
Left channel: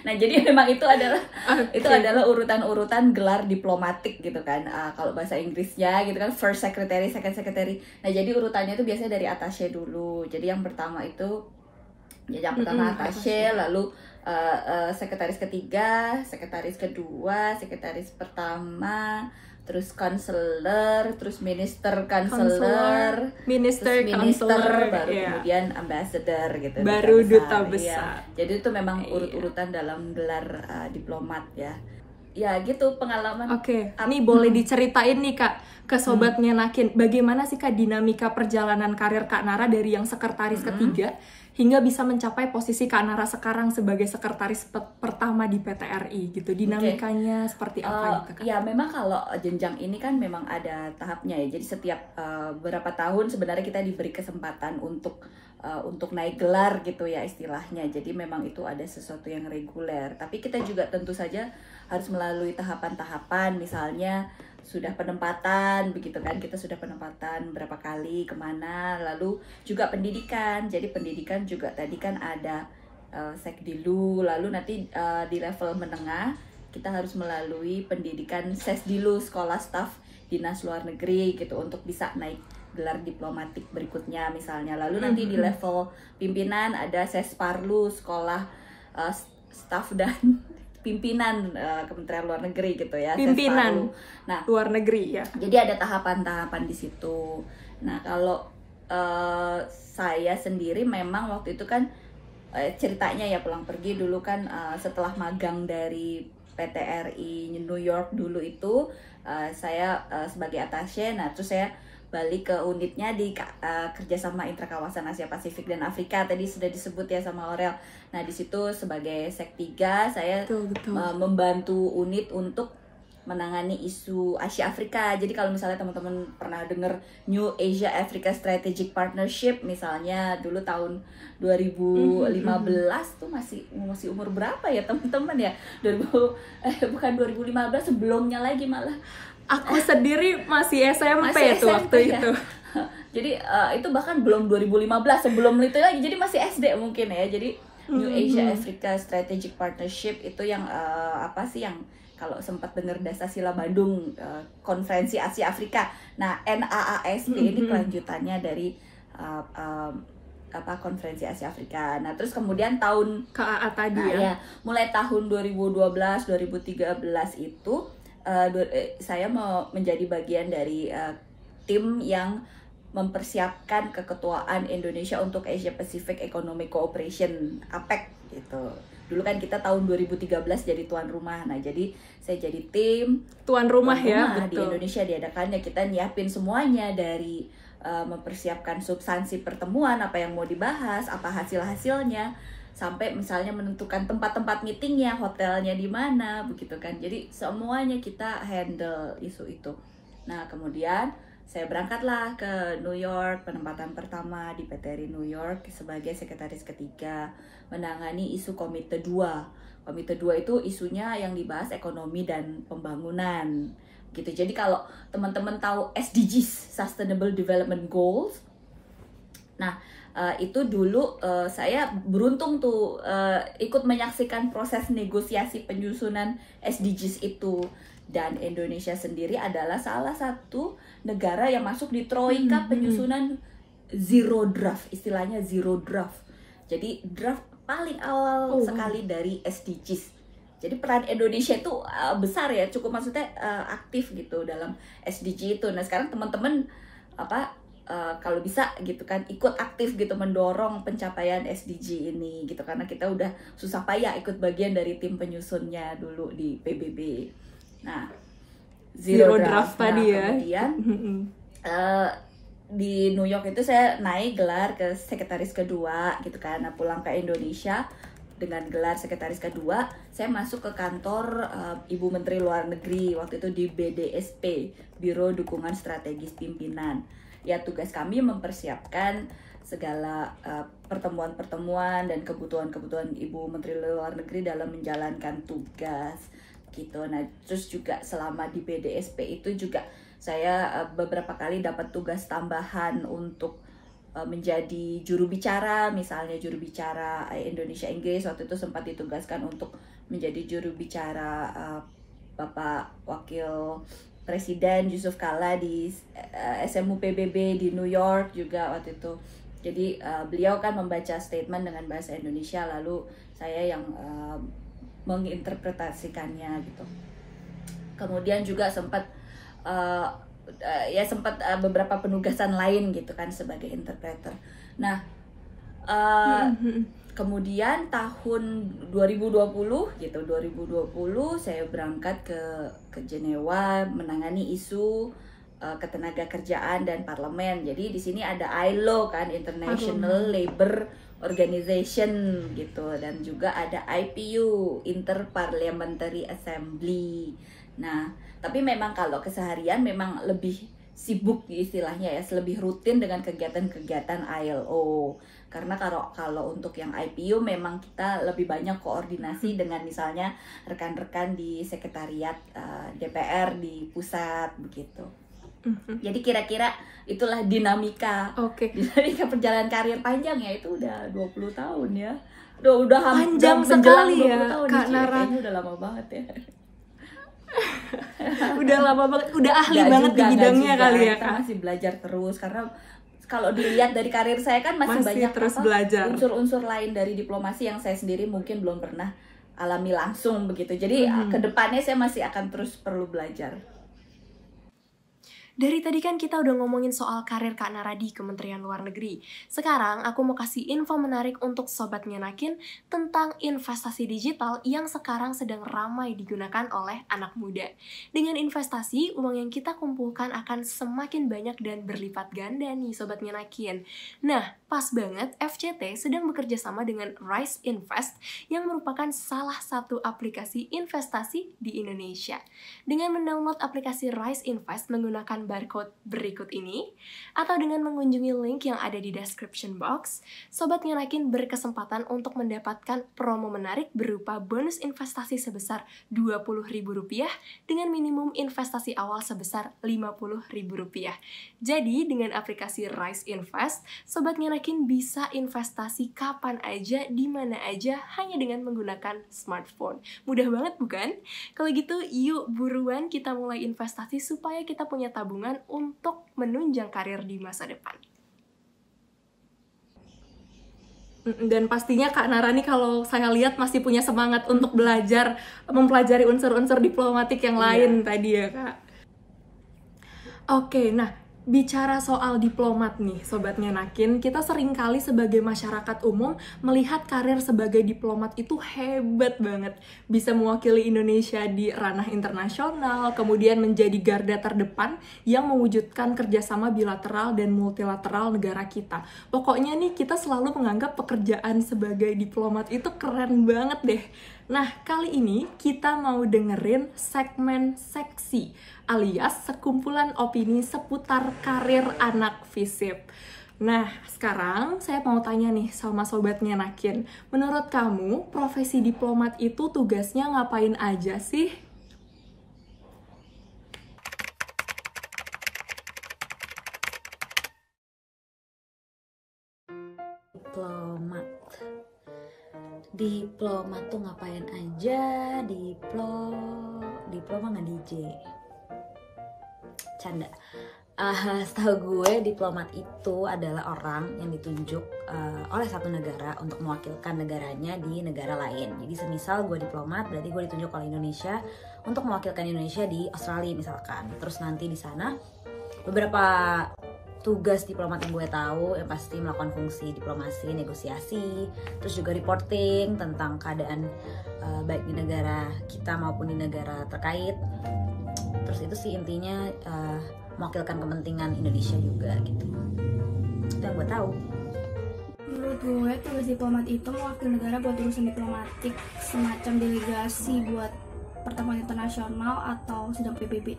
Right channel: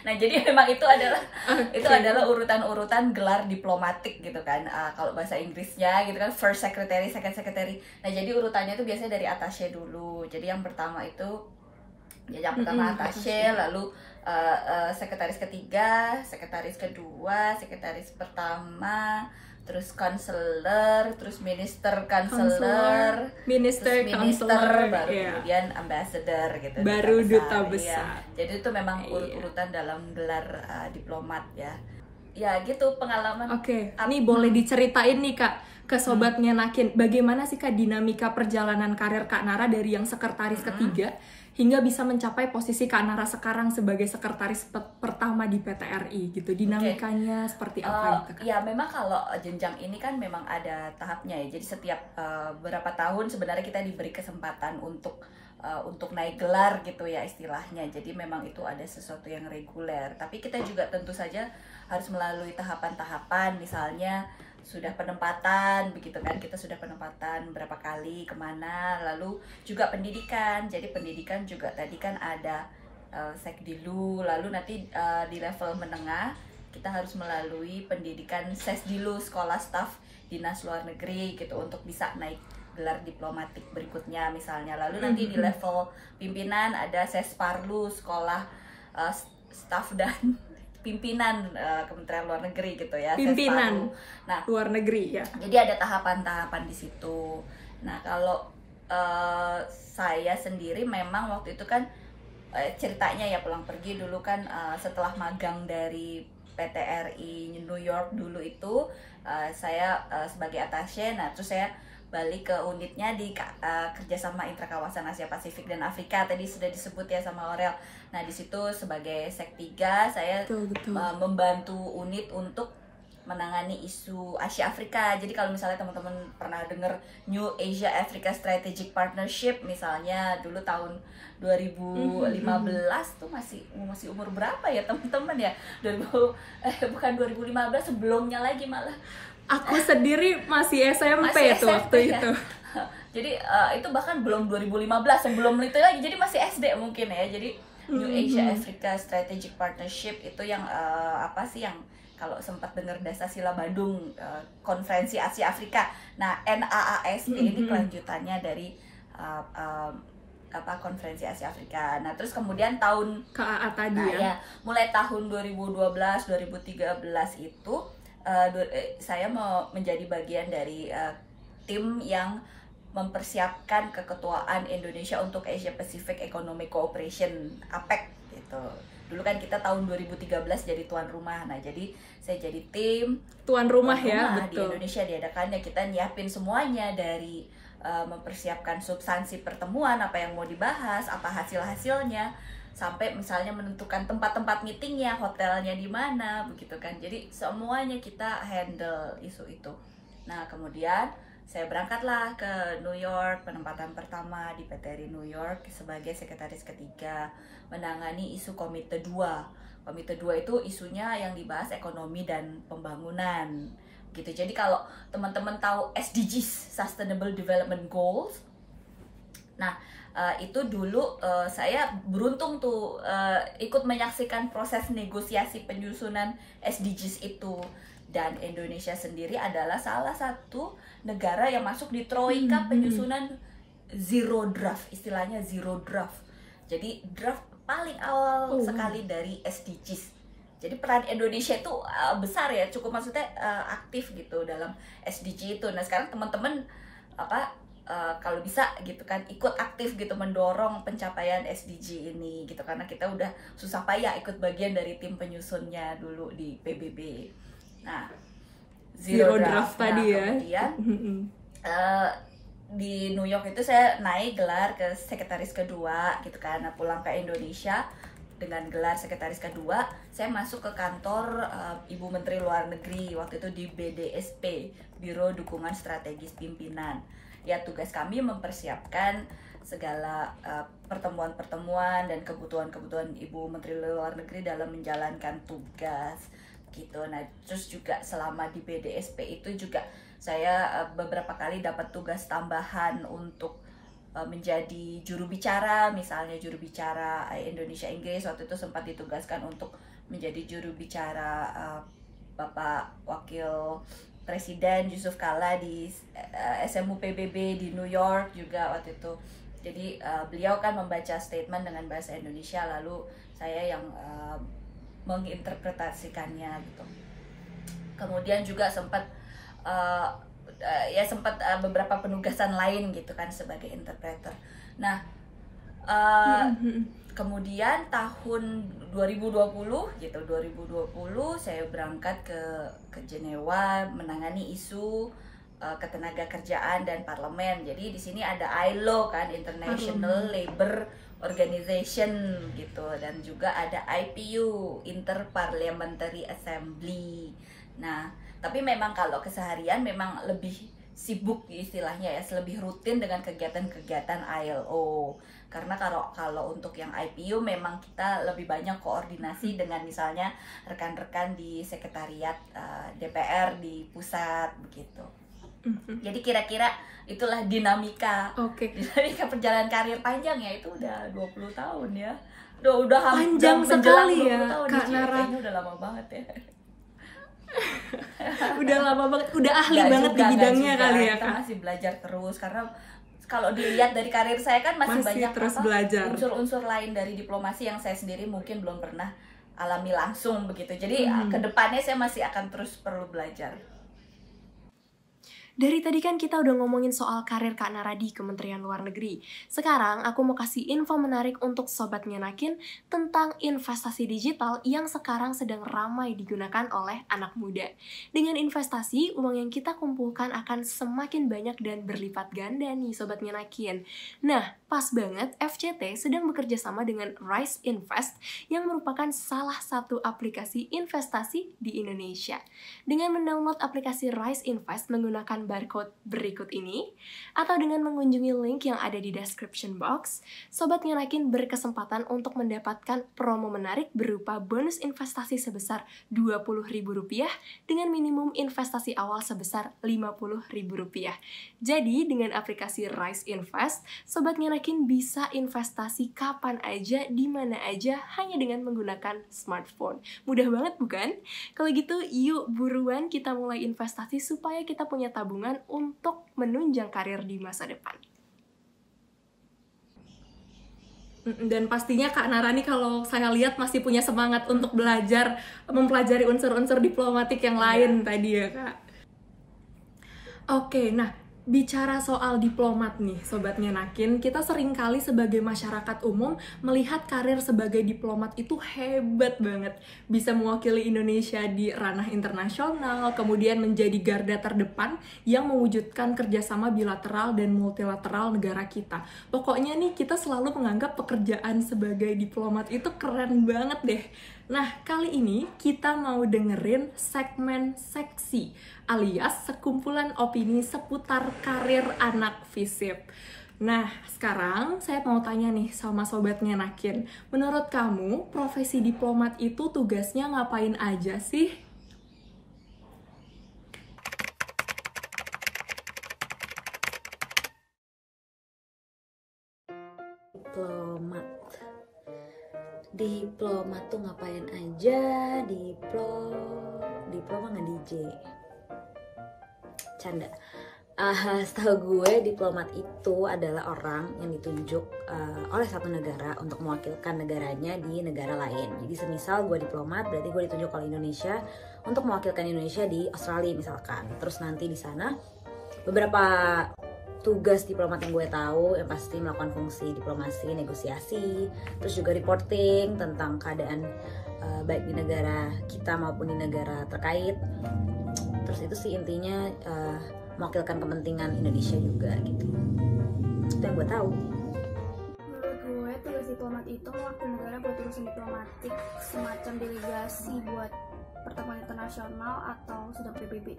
Nah jadi memang itu adalah itu adalah urutan-urutan gelar diplomatik gitu kan. Kalau bahasa Inggrisnya gitu kan, first secretary, second secretary. Nah jadi urutannya itu biasanya dari attaché dulu. Jadi yang pertama itu yang pertama attaché, lalu sekretaris ketiga, sekretaris kedua, sekretaris pertama, terus counselor, terus minister counselor, minister counselor, kemudian ambassador gitu. Baru duta besar. Ya. Jadi itu memang urutan dalam gelar diplomat ya. Ya gitu pengalaman. Oke, nih boleh diceritain nih Kak ke Sobat Ngenakin, bagaimana sih Kak dinamika perjalanan karir Kak Nara dari yang sekretaris ketiga hingga bisa mencapai posisi Kak Nara sekarang sebagai sekretaris pertama di PT RI gitu. Dinamikanya seperti apa gitu Kak? Ya memang kalau jenjang ini kan memang ada tahapnya ya. Jadi setiap beberapa tahun sebenarnya kita diberi kesempatan untuk naik gelar gitu ya istilahnya. Jadi memang itu ada sesuatu yang reguler. Tapi kita juga tentu saja harus melalui tahapan-tahapan, misalnya sudah penempatan begitu kan, kita sudah penempatan berapa kali kemana, lalu juga pendidikan. Jadi pendidikan juga tadi kan ada sekdilu, lalu nanti di level menengah kita harus melalui pendidikan sesdilu, sekolah staf dinas luar negeri gitu, untuk bisa naik gelar diplomatik berikutnya misalnya. Lalu nanti di level pimpinan ada sesparlu, sekolah staf dan pimpinan Kementerian Luar Negeri gitu ya. Pimpinan nah, luar negeri ya. Jadi ada tahapan-tahapan di situ. Nah kalau saya sendiri memang waktu itu kan ceritanya ya pulang pergi dulu kan, setelah magang dari PT RI New York dulu itu saya sebagai attaché. Nah terus saya balik ke unitnya di kerjasama intrakawasan Asia Pasifik dan Afrika, tadi sudah disebut ya sama Aurel. Nah di situ sebagai Sek 3 saya membantu unit untuk menangani isu Asia Afrika. Jadi kalau misalnya teman-teman pernah dengar New Asia Africa Strategic Partnership misalnya, dulu tahun 2015 tuh masih umur berapa ya teman-teman ya? Bukan 2015, sebelumnya lagi malah. Aku sendiri masih SMP tuh waktu ya? itu. Jadi itu bahkan belum 2015, sebelum itu lagi, jadi masih SD mungkin ya. Jadi New Asia Africa Strategic Partnership itu yang apa sih, yang kalau sempat dengar Dasasila Bandung, Konferensi Asia Afrika. Nah NAASP ini kelanjutannya dari Konferensi Asia Afrika. Nah terus kemudian tahun KAA tadi ya, mulai tahun 2012 2013 itu saya mau menjadi bagian dari tim yang mempersiapkan keketuaan Indonesia untuk Asia Pacific Economic Cooperation (APEC) gitu. Dulu kan kita tahun 2013 jadi tuan rumah. Nah jadi saya jadi tim tuan rumah ya, betul. Di Indonesia diadakannya, kita nyiapin semuanya dari mempersiapkan substansi pertemuan, apa yang mau dibahas, apa hasil-hasilnya, sampai misalnya menentukan tempat-tempat meetingnya, hotelnya di mana, begitu kan. Jadi semuanya kita handle isu itu. Nah kemudian saya berangkatlah ke New York, penempatan pertama di PT RI New York sebagai sekretaris ketiga, menangani isu Komite 2. Komite 2 itu isunya yang dibahas ekonomi dan pembangunan gitu. Jadi kalau teman-teman tahu SDGs, Sustainable Development Goals, nah itu dulu saya beruntung tuh ikut menyaksikan proses negosiasi penyusunan SDGs itu. Dan Indonesia sendiri adalah salah satu negara yang masuk di troika penyusunan zero draft, istilahnya zero draft. Jadi draft paling awal sekali dari SDGs. Jadi peran Indonesia itu besar ya, cukup maksudnya aktif gitu dalam SDG itu. Nah sekarang teman-teman kalau bisa gitu kan ikut aktif gitu mendorong pencapaian SDG ini gitu, karena kita udah susah payah ikut bagian dari tim penyusunnya dulu di PBB. Nah zero draft tadi ya. Kemudian di New York itu saya naik gelar ke sekretaris kedua gitu kan. Nah pulang ke Indonesia dengan gelar sekretaris kedua, saya masuk ke kantor Ibu Menteri Luar Negeri waktu itu di BDSP, Biro Dukungan Strategis Pimpinan. Ya tugas kami mempersiapkan segala pertemuan-pertemuan dan kebutuhan-kebutuhan Ibu Menteri Luar Negeri dalam menjalankan tugas gitu. Nah terus juga selama di BDSP itu juga saya beberapa kali dapat tugas tambahan untuk menjadi juru bicara, misalnya juru bicara Indonesia Inggris. Waktu itu sempat ditugaskan untuk menjadi juru bicara Bapak Wakil Presiden Yusuf Kala di SMU PBB di New York juga waktu itu. Jadi beliau kan membaca statement dengan bahasa Indonesia, lalu saya yang menginterpretasikannya gitu. Kemudian juga sempat beberapa penugasan lain gitu kan sebagai interpreter. Nah, kemudian tahun 2020 gitu, 2020 saya berangkat ke Jenewa menangani isu ketenaga kerjaan dan parlemen. Jadi di sini ada ILO kan, International Labour Organization gitu, dan juga ada IPU, Interparliamentary Assembly. Nah, tapi memang kalau keseharian memang lebih sibuk istilahnya ya, lebih rutin dengan kegiatan-kegiatan ILO. Karena kalau untuk yang IPU memang kita lebih banyak koordinasi dengan misalnya rekan-rekan di sekretariat DPR di pusat begitu. Jadi kira-kira itulah dinamika dinamika perjalanan karir panjang ya, itu udah 20 tahun ya. Udah panjang sekali ya Kak Nara. Udah lama banget ya. Udah lama banget, udah ahli banget di bidangnya kali ya Kak. Masih belajar terus, karena kalau dilihat dari karir saya kan masih banyak terus belajar. Unsur-unsur lain dari diplomasi yang saya sendiri mungkin belum pernah alami langsung begitu. Jadi kedepannya saya masih akan terus perlu belajar. Dari tadi kan kita udah ngomongin soal karir Kak Nara di Kementerian Luar Negeri. Sekarang aku mau kasih info menarik untuk Sobat Ngenakin tentang investasi digital yang sekarang sedang ramai digunakan oleh anak muda. Dengan investasi, uang yang kita kumpulkan akan semakin banyak dan berlipat ganda nih Sobat Ngenakin. Nah, pas banget FCT sedang bekerja sama dengan Rise Invest yang merupakan salah satu aplikasi investasi di Indonesia. Dengan mendownload aplikasi Rise Invest menggunakan barcode berikut ini, atau dengan mengunjungi link yang ada di description box, Sobat Ngenakin berkesempatan untuk mendapatkan promo menarik berupa bonus investasi sebesar Rp20.000 dengan minimum investasi awal sebesar Rp50.000. Jadi, dengan aplikasi Rise Invest, Sobat Ngenakin bisa investasi kapan aja, di mana aja, hanya dengan menggunakan smartphone. Mudah banget bukan? Kalau gitu, yuk buruan kita mulai investasi supaya kita punya tabungan untuk menunjang karir di masa depan. Dan pastinya Kak Nara nih kalau saya lihat masih punya semangat untuk belajar, mempelajari unsur-unsur diplomatik yang lain tadi ya Kak. Oke, nah bicara soal diplomat nih Sobat Ngenakin, kita seringkali sebagai masyarakat umum melihat karir sebagai diplomat itu hebat banget. Bisa mewakili Indonesia di ranah internasional, kemudian menjadi garda terdepan yang mewujudkan kerjasama bilateral dan multilateral negara kita. Pokoknya nih kita selalu menganggap pekerjaan sebagai diplomat itu keren banget deh. Nah, kali ini kita mau dengerin segmen seksi alias sekumpulan opini seputar karir anak FISIP. Nah, sekarang saya mau tanya nih sama Sobat Ngenakin. Menurut kamu, profesi diplomat itu tugasnya ngapain aja sih? Diplomat tuh ngapain aja? Diploma nggak DJ? Canda. Setahu gue diplomat itu adalah orang yang ditunjuk oleh satu negara untuk mewakilkan negaranya di negara lain. Jadi semisal gue diplomat, berarti gue ditunjuk oleh Indonesia untuk mewakilkan Indonesia di Australia misalkan. Terus nanti di sana beberapa tugas diplomat yang gue tahu yang pasti melakukan fungsi diplomasi, negosiasi, terus juga reporting tentang keadaan baik di negara kita maupun di negara terkait. Terus itu sih intinya mewakilkan kepentingan Indonesia juga gitu. Itu yang gue tahu. Menurut gue tugas diplomat itu mewakili negara buat urusan diplomatik, semacam delegasi buat pertemuan internasional atau sidang PBB.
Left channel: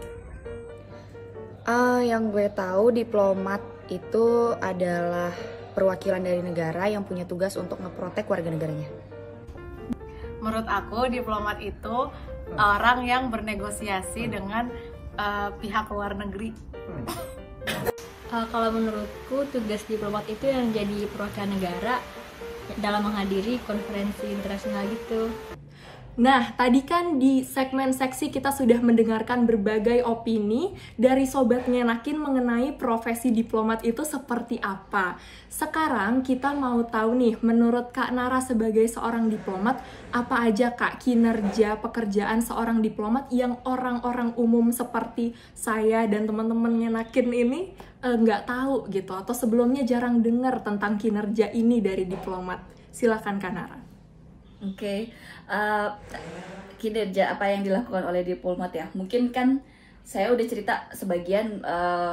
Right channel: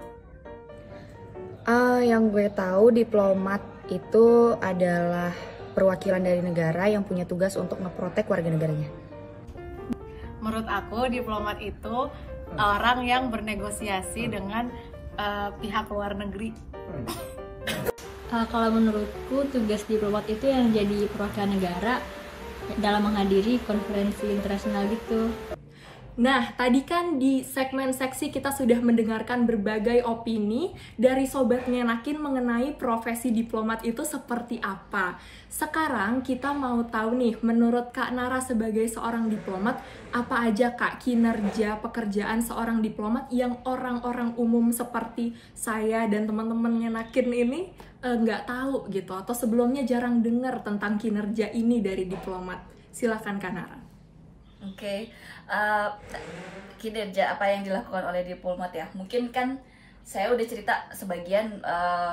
Yang gue tahu diplomat itu adalah perwakilan dari negara yang punya tugas untuk ngeprotek warga negaranya. Menurut aku diplomat itu orang yang bernegosiasi dengan pihak luar negeri. Kalau menurutku tugas diplomat itu yang jadi perwakilan negara dalam menghadiri konferensi internasional gitu. Nah, tadi kan di segmen seksi kita sudah mendengarkan berbagai opini dari Sobat Ngenakin mengenai profesi diplomat itu seperti apa. Sekarang kita mau tahu nih, menurut Kak Nara sebagai seorang diplomat, apa aja Kak kinerja pekerjaan seorang diplomat yang orang-orang umum seperti saya dan teman-teman Ngenakin ini nggak tahu gitu, atau sebelumnya jarang dengar tentang kinerja ini dari diplomat. Silakan Kak Nara. Oke. Kinerja apa yang dilakukan oleh diplomat ya, mungkin kan saya udah cerita sebagian,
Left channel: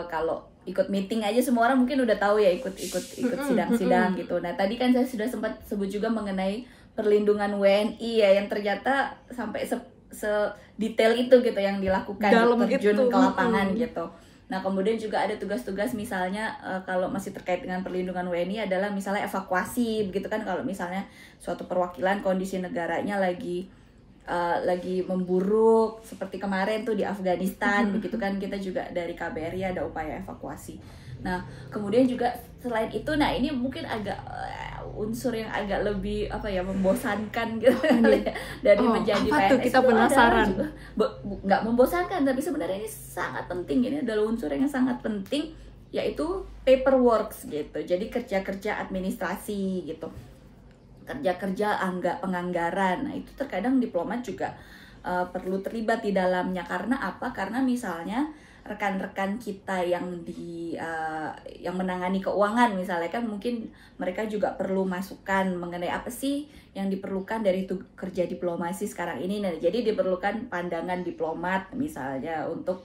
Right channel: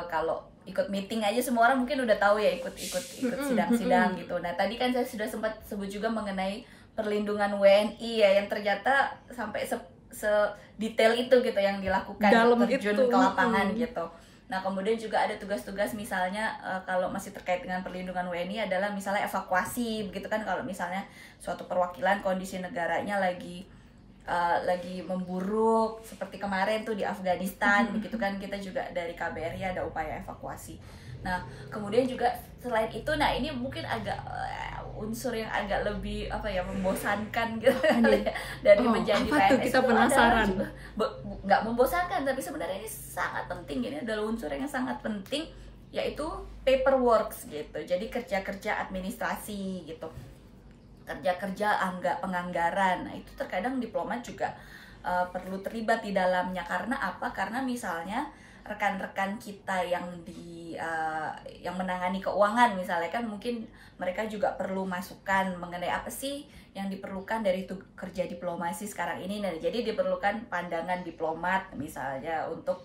kalau ikut meeting aja semua orang mungkin udah tahu ya, ikut sidang-sidang gitu. Nah tadi kan saya sudah sempat sebut juga mengenai perlindungan WNI ya, yang ternyata sampai sedetail itu gitu yang dilakukan, dalam terjun itu ke lapangan gitu. Nah kemudian juga ada tugas-tugas misalnya kalau masih terkait dengan perlindungan WNI adalah misalnya evakuasi begitu kan, kalau misalnya suatu perwakilan kondisi negaranya lagi memburuk seperti kemarin tuh di Afghanistan begitu kan, kita juga dari KBRI ada upaya evakuasi. Nah kemudian juga selain itu, nah ini mungkin agak unsur yang agak lebih membosankan gitu dari menjadi apa tuh, kita penasaran. Nggak membosankan, tapi sebenarnya ini sangat penting, ini adalah unsur yang sangat penting, yaitu paperwork gitu. Jadi kerja-kerja administrasi gitu, kerja-kerja penganggaran. Nah itu terkadang diplomat juga perlu terlibat di dalamnya. Karena apa? Karena misalnya rekan-rekan kita yang menangani keuangan misalnya kan, mungkin mereka juga perlu masukan mengenai apa sih yang diperlukan dari kerja diplomasi sekarang ini. Nah jadi diperlukan pandangan diplomat misalnya untuk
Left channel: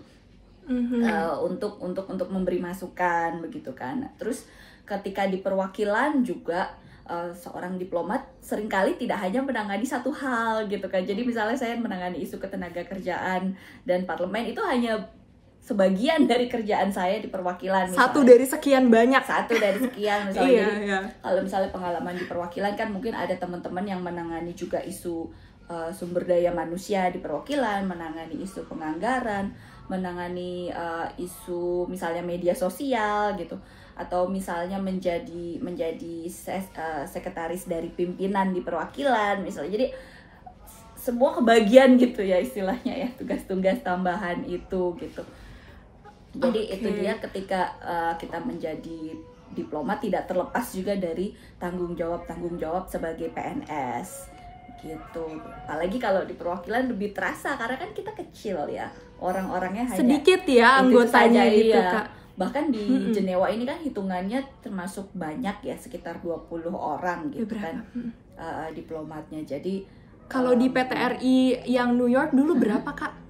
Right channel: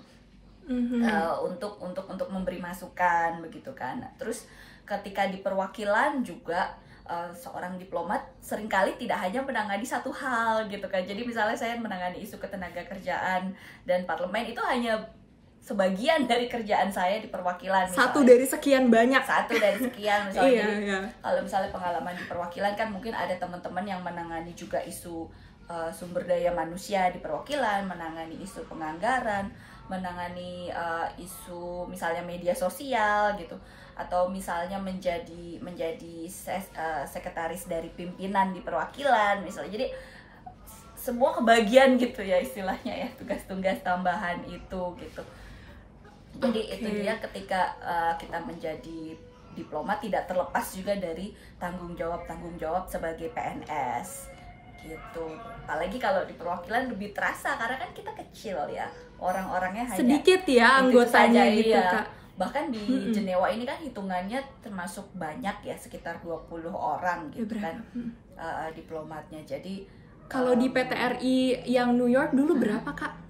memberi masukan begitu kan. Terus ketika di perwakilan juga seorang diplomat seringkali tidak hanya menangani satu hal gitu kan. Jadi misalnya saya menangani isu ketenagakerjaan dan parlemen, itu hanya sebagian dari kerjaan saya di perwakilan. Satu dari sekian banyak. Satu dari sekian misalnya. Iya. Kalau misalnya pengalaman di perwakilan kan mungkin ada teman-teman yang menangani juga isu sumber daya manusia di perwakilan, menangani isu penganggaran, menangani isu misalnya media sosial gitu, atau misalnya menjadi sekretaris dari pimpinan di perwakilan misalnya. Jadi semua kebagian gitu ya istilahnya ya, tugas-tugas tambahan itu gitu. Jadi itu dia ketika kita menjadi diplomat tidak terlepas juga dari tanggung jawab sebagai PNS gitu. Apalagi kalau di perwakilan lebih terasa karena kan kita kecil ya, orang-orangnya hanya sedikit ya anggotanya saja, gitu iya. Kak. Bahkan di Jenewa ini kan hitungannya termasuk banyak ya, sekitar 20 orang gitu kan diplomatnya. Jadi kalau di PTRI yang New York dulu berapa Kak?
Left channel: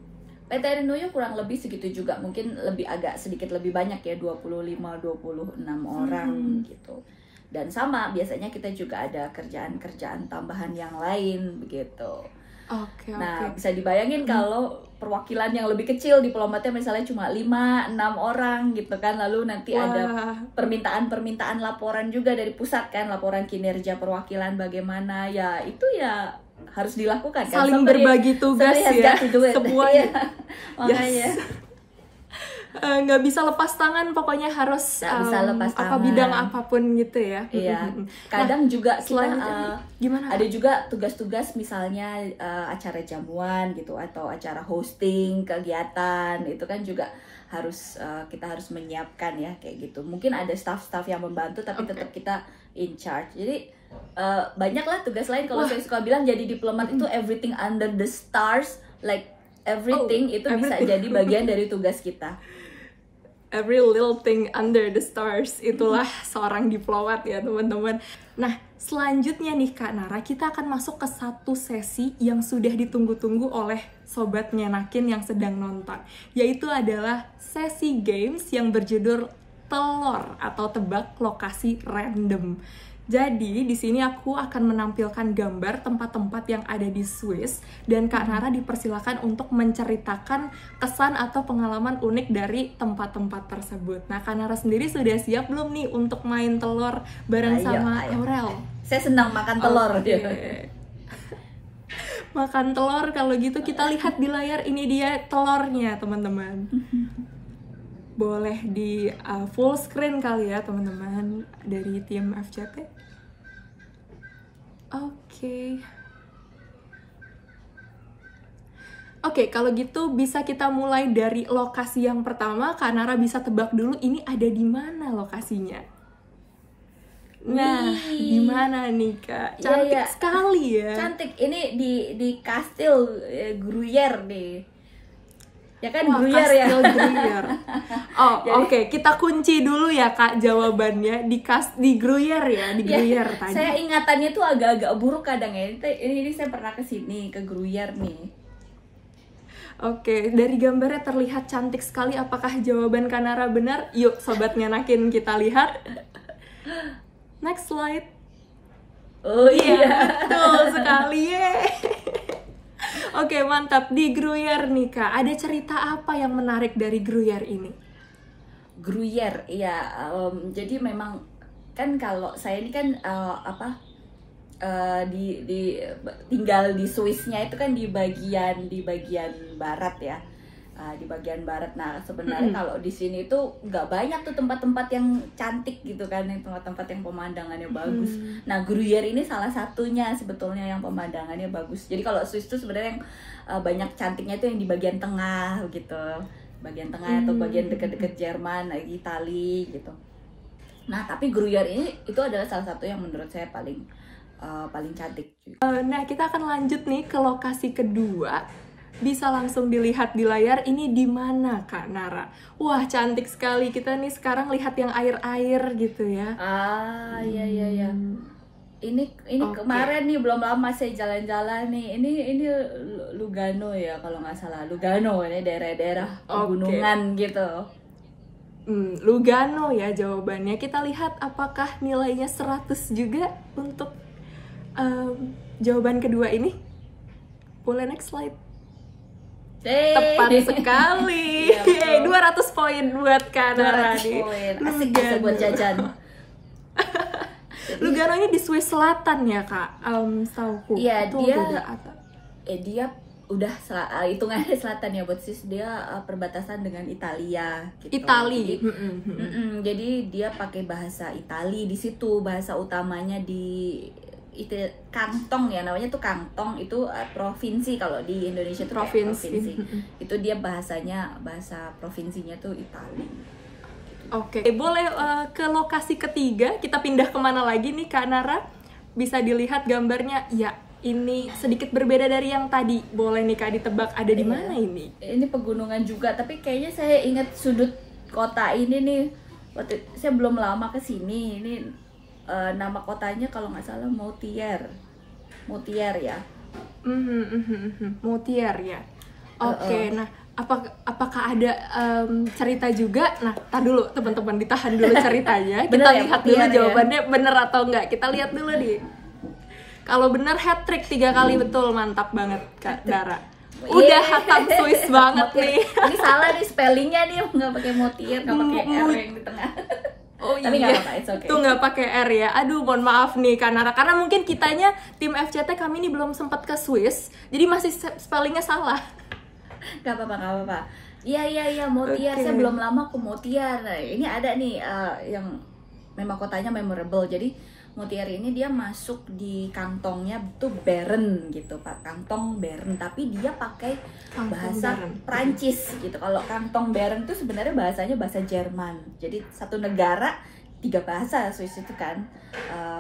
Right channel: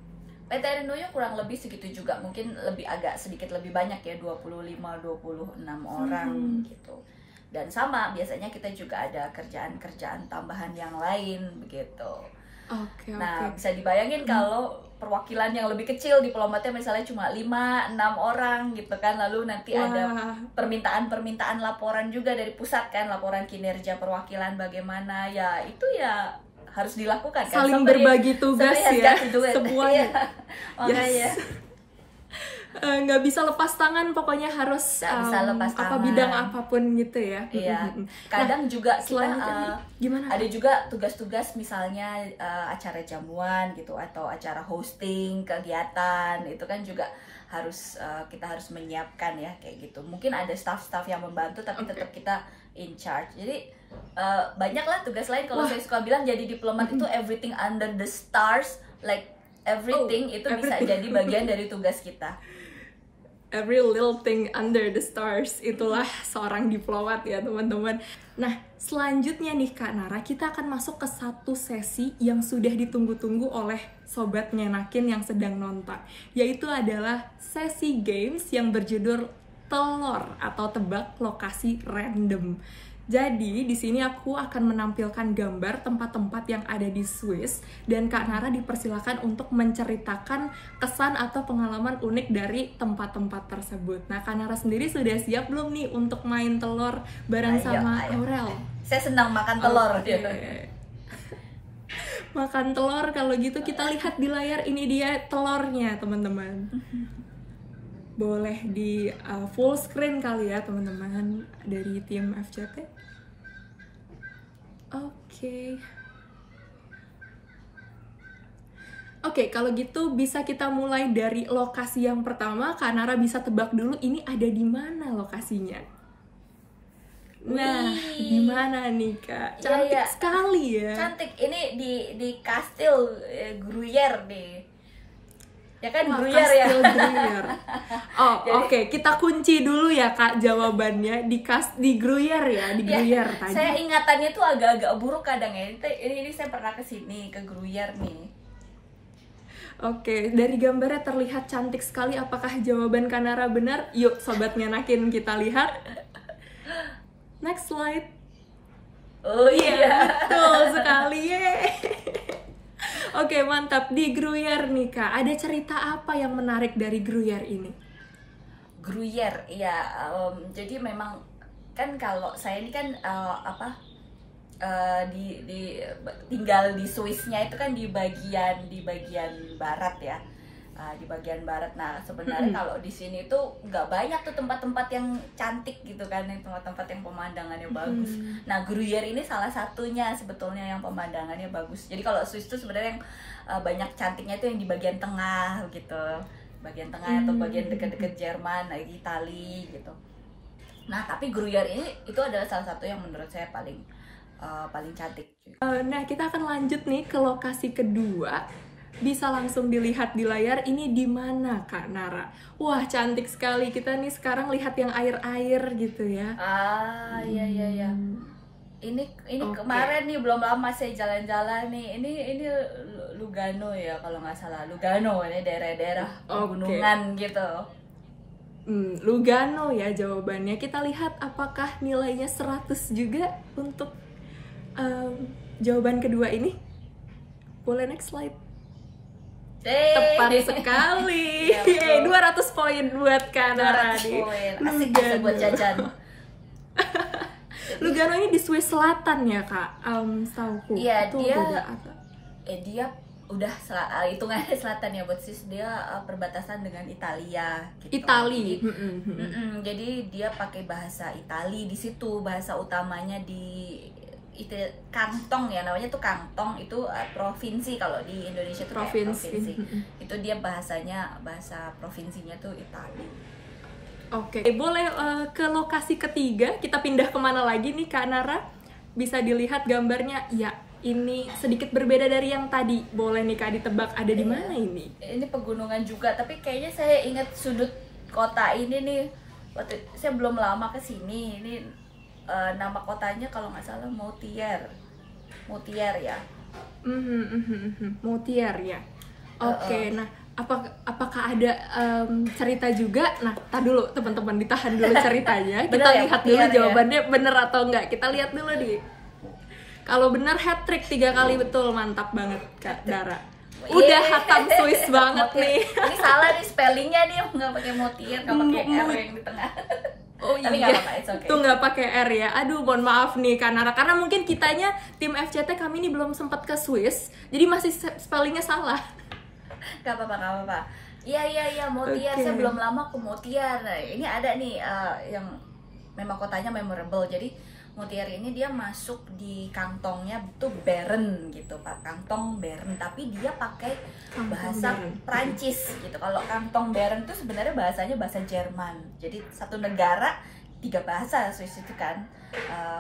PTRI New York kurang lebih segitu juga, mungkin agak sedikit lebih banyak ya, 25-26 orang gitu. Dan sama biasanya kita juga ada kerjaan-kerjaan tambahan yang lain begitu. Nah bisa dibayangin kalau perwakilan yang lebih kecil diplomatnya misalnya cuma 5-6 orang gitu kan, lalu nanti ada permintaan laporan juga dari pusat kan, laporan kinerja perwakilan bagaimana ya, itu ya harus dilakukan kan? Saling berbagi tugas ya semuanya. Yes. Nggak bisa lepas tangan, pokoknya harus bidang apapun gitu ya. Iya. Kadang juga selanjutnya gimana? Ada juga tugas-tugas misalnya acara jamuan gitu, atau acara hosting kegiatan, itu kan juga kita harus menyiapkan ya kayak gitu. Mungkin ada staff-staff yang membantu tapi tetap kita in charge. Jadi banyaklah tugas lain. Kalau saya suka bilang jadi diplomat itu everything under the stars, like everything itu bisa jadi bagian dari tugas kita. Every little thing under the stars, itulah seorang diplomat ya teman-teman. Nah selanjutnya nih Kak Nara, kita akan masuk ke satu sesi yang sudah ditunggu-tunggu oleh Sobat Ngenakin yang sedang nonton, yaitu adalah sesi games yang berjudul telur atau tebak lokasi random. Jadi di sini aku akan menampilkan gambar tempat-tempat yang ada di Swiss, dan Kak Nara dipersilakan untuk menceritakan kesan atau pengalaman unik dari tempat-tempat tersebut. Nah Kak Nara sendiri sudah siap belum nih untuk main telur bareng sama Aurel? Saya senang makan telur. makan telur. Kalau gitu kita lihat di layar, ini dia telurnya teman-teman. Boleh di full screen kali ya teman-teman dari tim FCT. Oke, kalau gitu bisa kita mulai dari lokasi yang pertama. Kak Nara bisa tebak dulu ini ada di mana lokasinya. Nah, di mana nih Kak? Cantik sekali ya. Cantik. Ini di Kastil Gruyère nih. Ya kan, wah, Gruyère ya. Kastil Gruyère. Oh, oke. Kita kunci dulu ya Kak jawabannya di Gruyère ya, di Gruyère tadi. Saya ingatannya tuh agak-agak buruk kadang ya. Ini saya pernah kesini ke Gruyère nih. Oke, dari gambarnya terlihat cantik sekali. Apakah jawaban Kak Nara benar? Yuk, Sobat Ngenakin, kita lihat. Next slide. Oh iya, betul sekali ya. Oke, mantap. Di Gruyère nih Kak, ada cerita apa yang menarik dari Gruyère ini? Gruyère, iya. Jadi memang kan kalau saya ini kan tinggal di Swissnya itu kan di bagian barat ya, di bagian barat. Nah sebenarnya kalau di sini tuh nggak banyak tuh tempat-tempat yang cantik gitu kan, tempat-tempat yang pemandangannya bagus. Nah Gruyère ini salah satunya sebetulnya yang pemandangannya bagus. Jadi kalau Swiss tuh sebenarnya yang banyak cantiknya tuh yang di bagian tengah gitu, bagian tengah atau bagian dekat-dekat Jerman, lagi Itali gitu. Nah tapi Gruyère ini itu adalah salah satu yang menurut saya paling cantik. Nah, kita akan lanjut nih ke lokasi kedua. Bisa langsung dilihat di layar. Ini di mana Kak Nara? Wah, cantik sekali. Kita nih sekarang lihat yang air-air gitu ya. Iya. Ini kemarin nih belum lama saya jalan-jalan nih. Ini Lugano ya kalau nggak salah. Lugano ya, daerah-daerah pegunungan gitu. Lugano ya jawabannya. Kita lihat apakah nilainya 100 juga untuk jawaban kedua ini. Boleh next slide. Tepat sekali. 200 poin buat Kak Nara nih. Lugano. Lugano ini di Swiss Selatan ya Kak, setauku. Iya, itu beda apa? Dia udah hitungannya selatan ya buat Swiss. Dia perbatasan dengan Italia gitu. Itali. Jadi dia pakai bahasa Itali di situ, bahasa utamanya di kantong ya, namanya tuh kantong, itu provinsi. Kalau di Indonesia tuh provinsi. Itu dia bahasa provinsinya tuh Itali. Oke, boleh ke lokasi ketiga. Kita pindah kemana lagi nih Kak Nara? Bisa dilihat gambarnya. Ya, ini sedikit berbeda dari yang tadi. Boleh nih Kak ditebak ada di mana ini? Ini pegunungan juga, tapi kayaknya saya ingat sudut kota ini nih. Saya belum lama kesini. Ini nama kotanya kalau nggak salah Moutier ya. Moutier ya. Oke, nah apakah ada cerita juga? Nah, tar dulu teman-teman, ditahan dulu ceritanya. Kita lihat dulu jawabannya bener atau enggak. Kita lihat dulu nih. Kalau bener hat trick 3 kali betul, mantap banget Kak Dara. Udah hatam Swiss banget nih. Ini salah nih spellingnya nih, nggak pakai Moutier, nggak pakai R yang di tengah. Oh iya, tuh nggak pakai R ya. Aduh, mohon maaf nih Kak Nara, karena mungkin kitanya tim FCT kami ini belum sempat ke Swiss, jadi masih spellingnya salah. Gak apa-apa. Iya, Moutier. Saya belum lama ke Moutier. Nah, ini ada nih yang memang kotanya memorable. Jadi Moutier ini dia masuk di kantongnya tuh Bern gitu Pak, kantong Bern, tapi dia pakai bahasa Prancis gitu. Kalau kantong Bern itu sebenarnya bahasanya bahasa Jerman. Jadi satu negara 3 bahasa Swiss itu kan,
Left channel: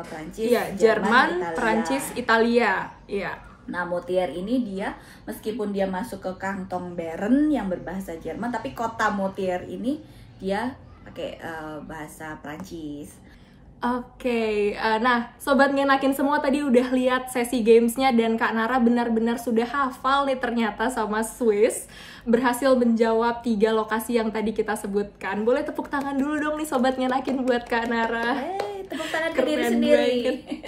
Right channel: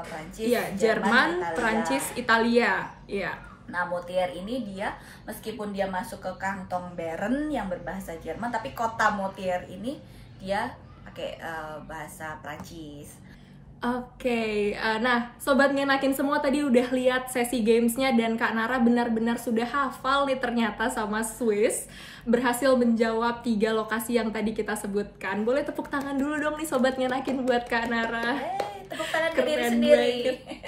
Prancis, iya, Jerman, Prancis, Italia. Iya. Nah, Moutier ini dia meskipun dia masuk ke kantong Bern yang berbahasa Jerman, tapi kota Moutier ini dia pakai bahasa Prancis. Oke, nah Sobat Ngenakin semua tadi udah lihat sesi gamesnya dan Kak Nara benar-benar sudah hafal nih ternyata sama Swiss. Berhasil menjawab 3 lokasi yang tadi kita sebutkan. Boleh tepuk tangan dulu dong nih Sobat Ngenakin buat Kak Nara. Keren banget.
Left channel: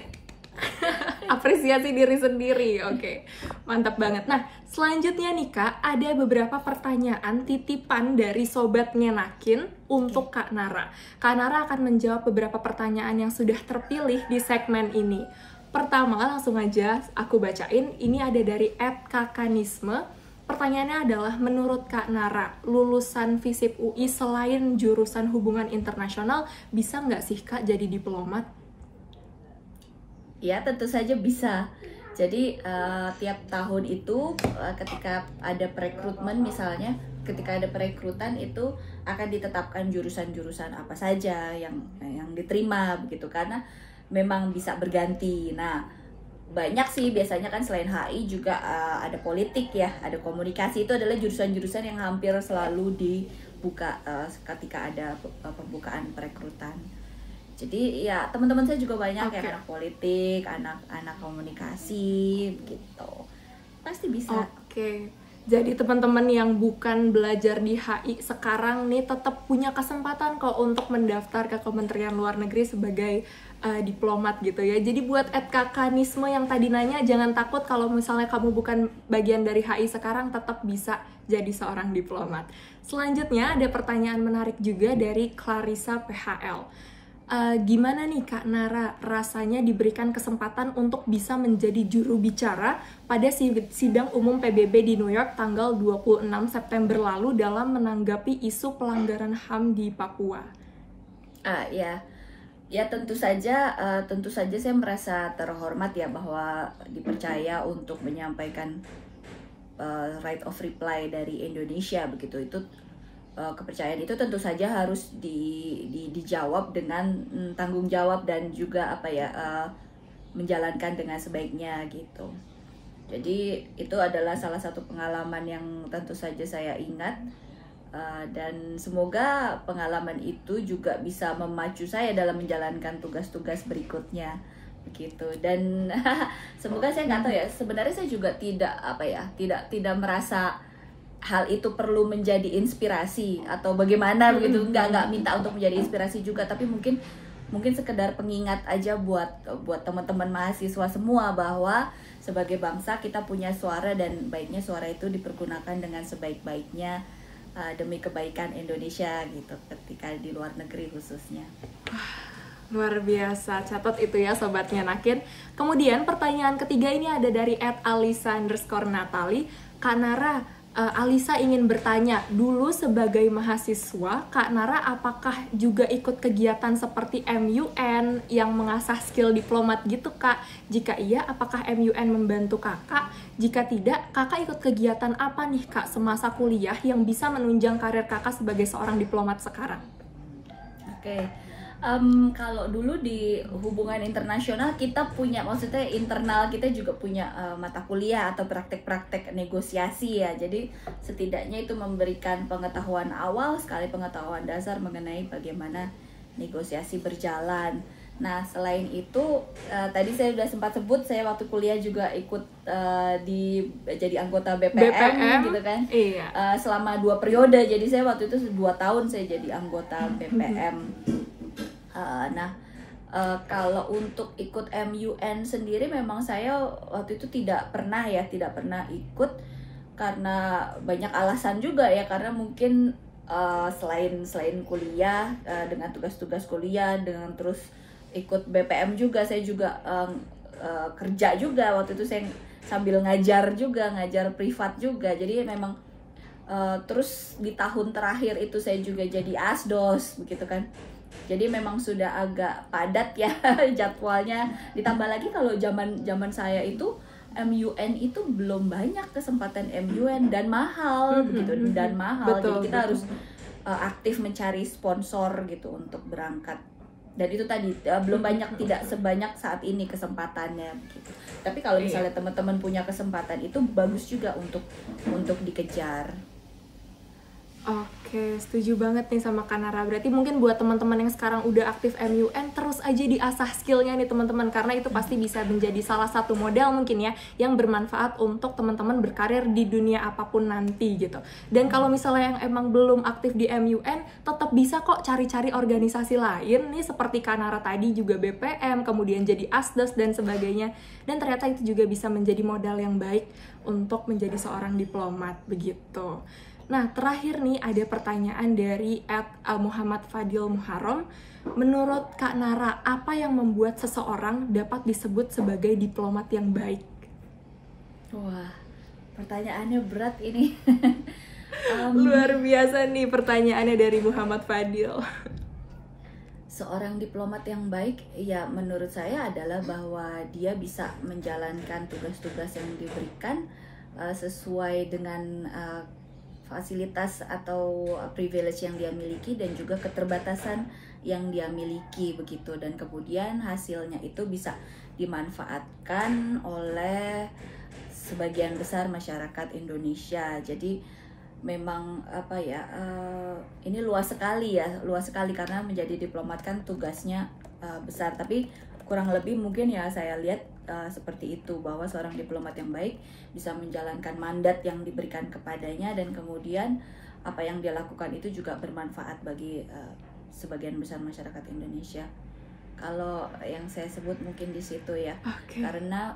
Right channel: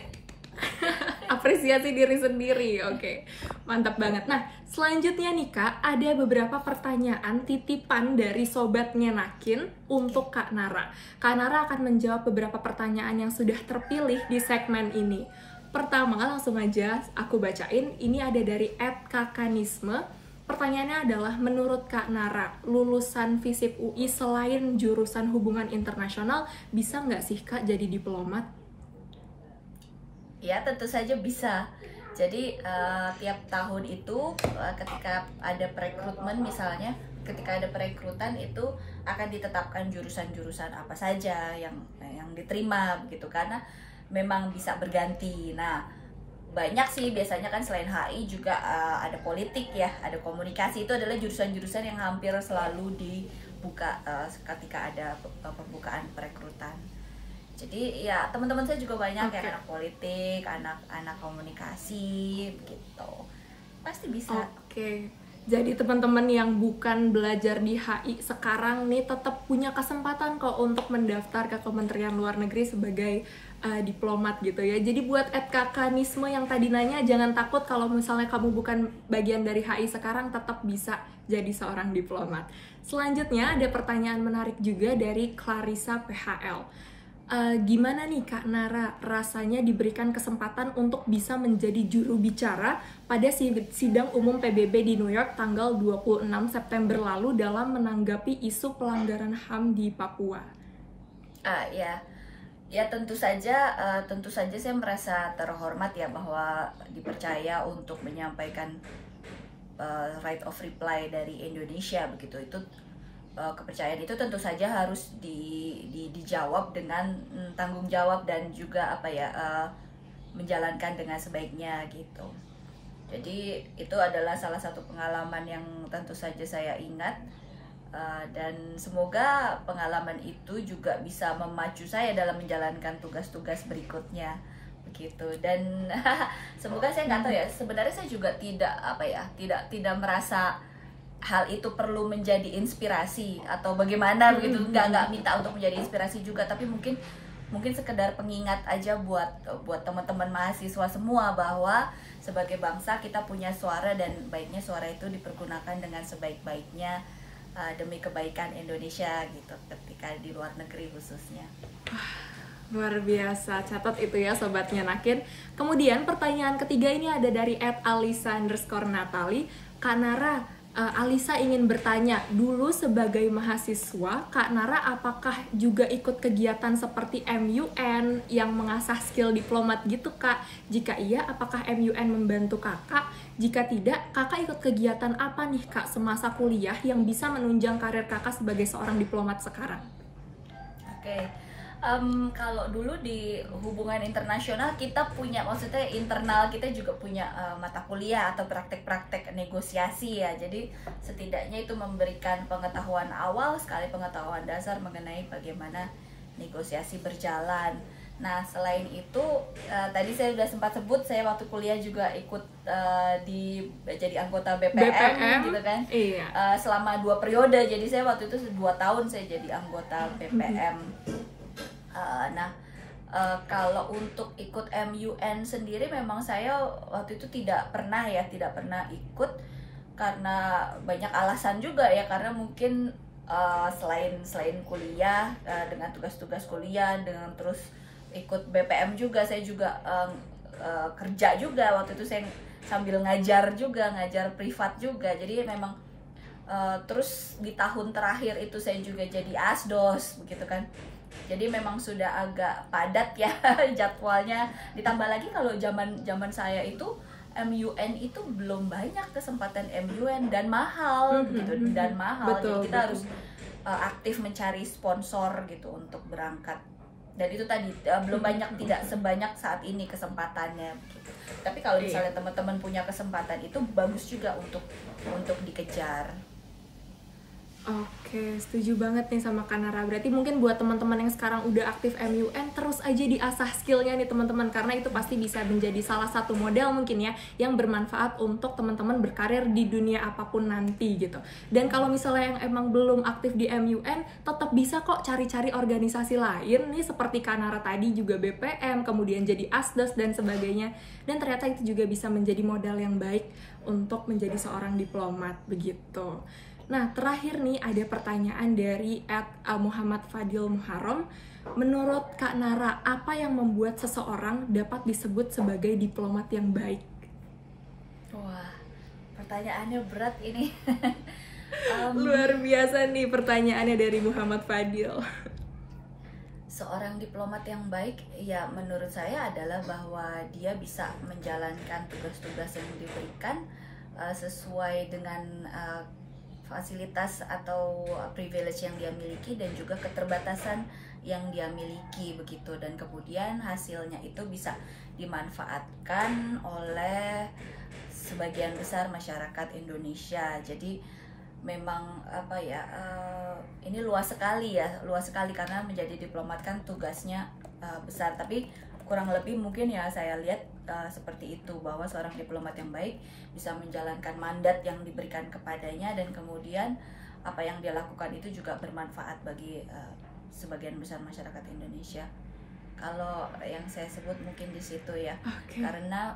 Apresiasi diri sendiri. Oke, mantap banget. Nah, selanjutnya nih Kak, ada beberapa pertanyaan titipan dari Sobat Ngenakin untuk Kak Nara. Kak Nara akan menjawab beberapa pertanyaan yang sudah terpilih di segmen ini. Pertama, langsung aja aku bacain. Ini ada dari @kakanisme. Pertanyaannya adalah, menurut Kak Nara, lulusan FISIP UI selain jurusan hubungan internasional, bisa nggak sih Kak jadi diplomat? Ya, tentu saja bisa. Jadi tiap tahun itu ketika ada perekrutmen misalnya, ketika ada perekrutan itu akan ditetapkan jurusan-jurusan apa saja yang diterima begitu, karena memang bisa berganti. Nah, banyak sih biasanya kan selain HI juga ada politik ya, ada komunikasi, itu adalah jurusan-jurusan yang hampir selalu dibuka ketika ada pembukaan perekrutan. Jadi ya teman-teman saya juga banyak anak politik, anak komunikasi begitu. Pasti bisa. Oke. Jadi teman-teman yang bukan belajar di HI sekarang nih tetap punya kesempatan kok untuk mendaftar ke Kementerian Luar Negeri sebagai diplomat gitu ya. Jadi buat @kakanisme yang tadi nanya, jangan takut kalau misalnya kamu bukan bagian dari HI sekarang, tetap bisa jadi seorang diplomat. Selanjutnya ada pertanyaan menarik juga dari Clarissa PHL. Gimana nih Kak Nara rasanya diberikan kesempatan untuk bisa menjadi juru bicara pada sidang umum PBB di New York tanggal 26 September lalu dalam menanggapi isu pelanggaran HAM di Papua? Ya tentu saja saya merasa terhormat ya bahwa dipercaya untuk menyampaikan right of reply dari Indonesia begitu. Itu kepercayaan itu tentu saja harus dijawab dengan tanggung jawab dan juga menjalankan dengan sebaiknya gitu. Jadi itu adalah salah satu pengalaman yang tentu saja saya ingat, dan semoga pengalaman itu juga bisa memacu saya dalam menjalankan tugas-tugas berikutnya begitu. Dan semoga, saya nggak tahu ya, sebenarnya saya juga tidak merasa hal itu perlu menjadi inspirasi atau bagaimana begitu, nggak minta untuk menjadi inspirasi juga, tapi mungkin sekedar pengingat aja buat teman-teman mahasiswa semua bahwa sebagai bangsa kita punya suara, dan baiknya suara itu dipergunakan dengan sebaik-baiknya demi kebaikan Indonesia gitu, ketika di luar negeri khususnya. Luar biasa, catat itu ya Sobat Nyenakin. Kemudian pertanyaan ketiga ini ada dari @alisa_natali. Kak Nara, Alisa ingin bertanya, dulu sebagai mahasiswa, Kak Nara apakah juga ikut kegiatan seperti MUN yang mengasah skill diplomat gitu Kak? Jika iya, apakah MUN membantu Kakak? Jika tidak, Kakak ikut kegiatan apa nih Kak semasa kuliah yang bisa menunjang karir Kakak sebagai seorang diplomat sekarang? Kalau dulu di hubungan internasional kita punya, maksudnya internal kita juga punya mata kuliah atau praktek-praktek negosiasi ya. Jadi setidaknya itu memberikan pengetahuan awal sekali, pengetahuan dasar mengenai bagaimana negosiasi berjalan. Nah selain itu tadi saya sudah sempat sebut, saya waktu kuliah juga ikut jadi anggota BPM gitu kan. Iya. Selama 2 periode, jadi saya waktu itu 2 tahun saya jadi anggota BPM. Kalau untuk ikut MUN sendiri, memang saya waktu itu tidak pernah ikut karena banyak alasan juga ya, karena mungkin selain kuliah, dengan tugas-tugas kuliah, dengan terus ikut BPM juga, saya juga kerja juga waktu itu, saya sambil ngajar privat juga, jadi memang terus di tahun terakhir itu saya juga jadi asdos begitu kan. Jadi memang sudah agak padat ya jadwalnya. Ditambah lagi kalau zaman saya itu MUN itu belum banyak kesempatan MUN, dan mahal gitu, dan mahal. Betul, jadi kita harus aktif mencari sponsor gitu untuk berangkat. Dan itu tadi belum banyak, tidak sebanyak saat ini kesempatannya. Tapi kalau misalnya teman-teman punya kesempatan, itu bagus juga untuk dikejar. Oke, setuju banget nih sama Kak Nara. Berarti mungkin buat teman-teman yang sekarang udah aktif MUN, terus aja diasah skillnya nih teman-teman, karena itu pasti bisa menjadi salah satu modal mungkin ya, yang bermanfaat untuk teman-teman berkarir di dunia apapun nanti gitu. Dan kalau misalnya yang emang belum aktif di MUN, tetap bisa kok cari-cari organisasi lain nih, seperti Kak Nara tadi juga BPM, kemudian jadi asdos dan sebagainya. Dan ternyata itu juga bisa menjadi modal yang baik untuk menjadi seorang diplomat begitu. Nah, terakhir nih ada pertanyaan dari @Muhammad Fadil Muharram. Menurut Kak Nara, apa yang membuat seseorang dapat disebut sebagai diplomat yang baik? Wah, pertanyaannya berat ini. Luar biasa nih pertanyaannya dari Muhammad Fadil. Seorang diplomat yang baik, ya menurut saya adalah bahwa dia bisa menjalankan tugas-tugas yang diberikan sesuai dengan fasilitas atau privilege yang dia miliki dan juga keterbatasan yang dia miliki begitu, dan kemudian hasilnya itu bisa dimanfaatkan oleh sebagian besar masyarakat Indonesia. Jadi memang apa ya, ini luas sekali karena menjadi diplomat kan tugasnya besar, tapi kurang lebih mungkin ya saya lihat seperti itu, bahwa seorang diplomat yang baik bisa menjalankan mandat yang diberikan kepadanya dan kemudian apa yang dia lakukan itu juga bermanfaat bagi sebagian besar masyarakat Indonesia. Kalau yang saya sebut mungkin di situ ya. Karena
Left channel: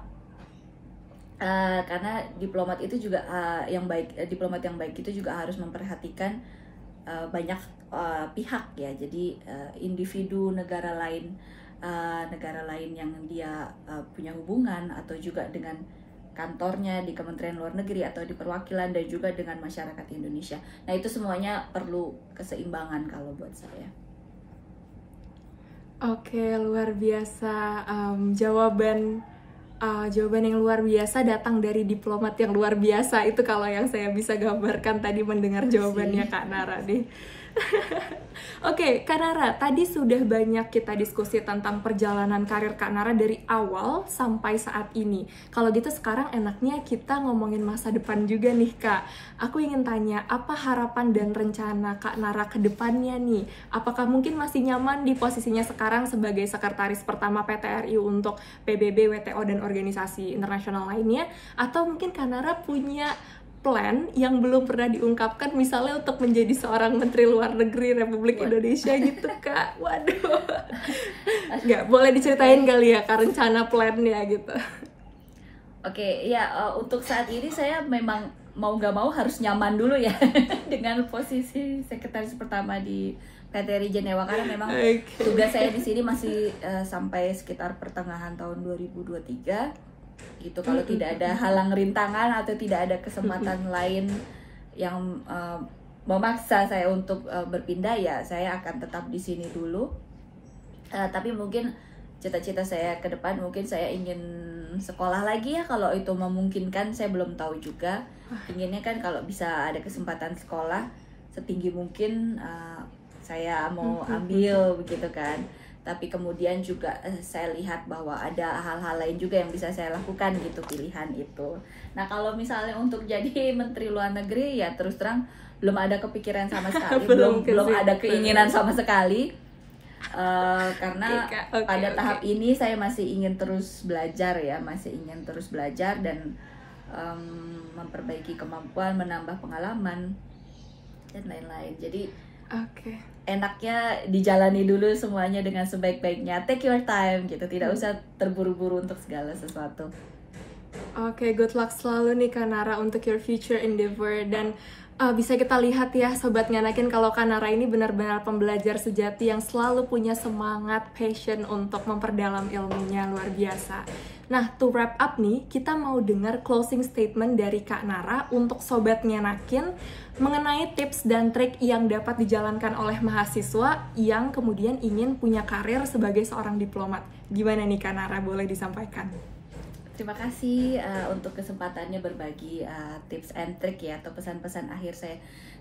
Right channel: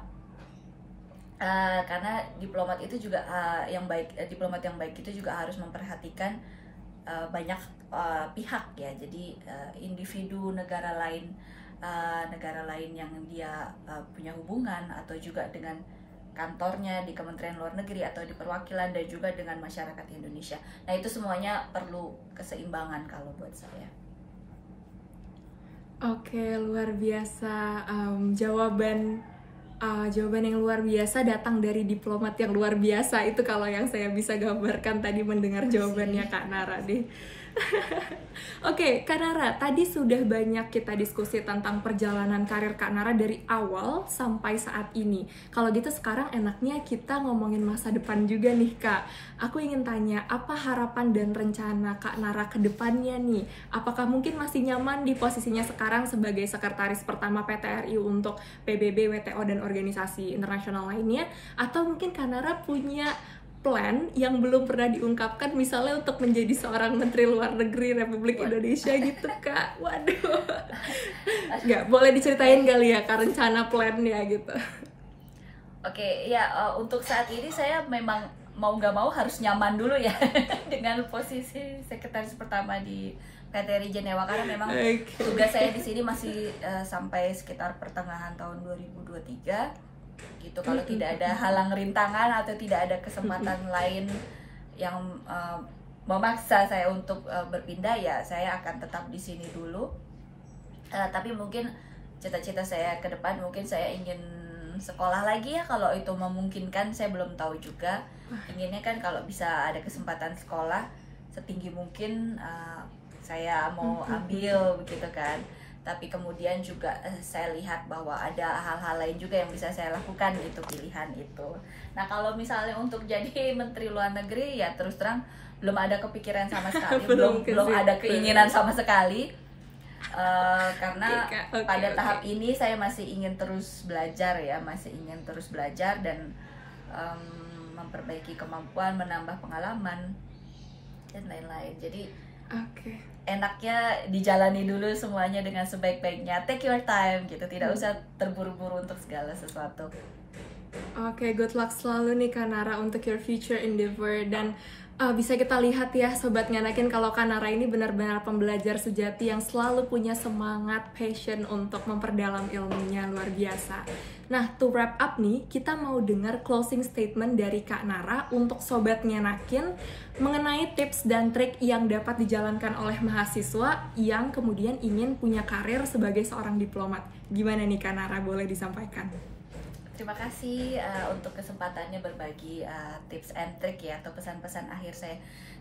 diplomat itu juga diplomat yang baik itu juga harus memperhatikan banyak pihak ya. Jadi individu negara lain yang dia punya hubungan, atau juga dengan kantornya di Kementerian Luar Negeri atau di perwakilan, dan juga dengan masyarakat Indonesia. Nah, itu semuanya perlu keseimbangan kalau buat saya. Oke, luar biasa. Jawaban yang luar biasa datang dari diplomat yang luar biasa. Itu kalau yang saya bisa gambarkan tadi mendengar jawabannya Kak Nara nih. Oke, Kak Nara, tadi sudah banyak kita diskusi tentang perjalanan karir Kak Nara dari awal sampai saat ini. Kalau gitu sekarang enaknya kita ngomongin masa depan juga nih, Kak. Aku ingin tanya, apa harapan dan rencana Kak Nara ke depannya nih? Apakah mungkin masih nyaman di posisinya sekarang sebagai sekretaris pertama PT RI untuk PBB, WTO, dan organisasi internasional lainnya? Atau mungkin Kak Nara punya plan yang belum pernah diungkapkan, misalnya untuk menjadi seorang Menteri Luar Negeri Republik Indonesia gitu, Kak? Waduh, nggak boleh diceritain kali ya Kak rencana plannya gitu? Oke, ya untuk saat ini saya memang mau nggak mau harus nyaman dulu ya dengan posisi sekretaris pertama di PT RI Jenewa, karena memang tugas saya di sini masih sampai sekitar pertengahan tahun 2023. Itu kalau tidak ada halang rintangan atau tidak ada kesempatan lain yang memaksa saya untuk berpindah, ya saya akan tetap di sini dulu. Tapi mungkin cita-cita saya ke depan, mungkin saya ingin sekolah lagi ya, kalau itu memungkinkan. Saya belum tahu juga. Inginnya kan kalau bisa ada kesempatan sekolah setinggi mungkin saya mau ambil begitu kan. Tapi kemudian juga saya lihat bahwa ada hal-hal lain juga yang bisa saya lakukan gitu, pilihan itu. Nah, kalau misalnya untuk jadi Menteri Luar Negeri, ya terus terang belum ada kepikiran sama sekali, belum ada keinginan sama sekali, karena pada tahap ini saya masih ingin terus belajar ya, dan memperbaiki kemampuan, menambah pengalaman dan lain-lain. Jadi enaknya dijalani dulu semuanya dengan sebaik-baiknya. Take your time gitu, tidak usah terburu-buru untuk segala sesuatu. Oke, good luck selalu nih Kak Nara untuk your future endeavor. Dan bisa kita lihat ya Sobat Nganakin, kalau Kak Nara ini benar-benar pembelajar sejati yang selalu punya semangat, passion untuk memperdalam ilmunya, luar biasa. Nah, to wrap up nih, kita mau dengar closing statement dari Kak Nara untuk Sobat Nganakin mengenai tips dan trik yang dapat dijalankan oleh mahasiswa yang kemudian ingin punya karir sebagai seorang diplomat. Gimana nih Kak Nara, boleh disampaikan? Terima kasih untuk kesempatannya berbagi tips and trick ya, atau pesan-pesan akhir.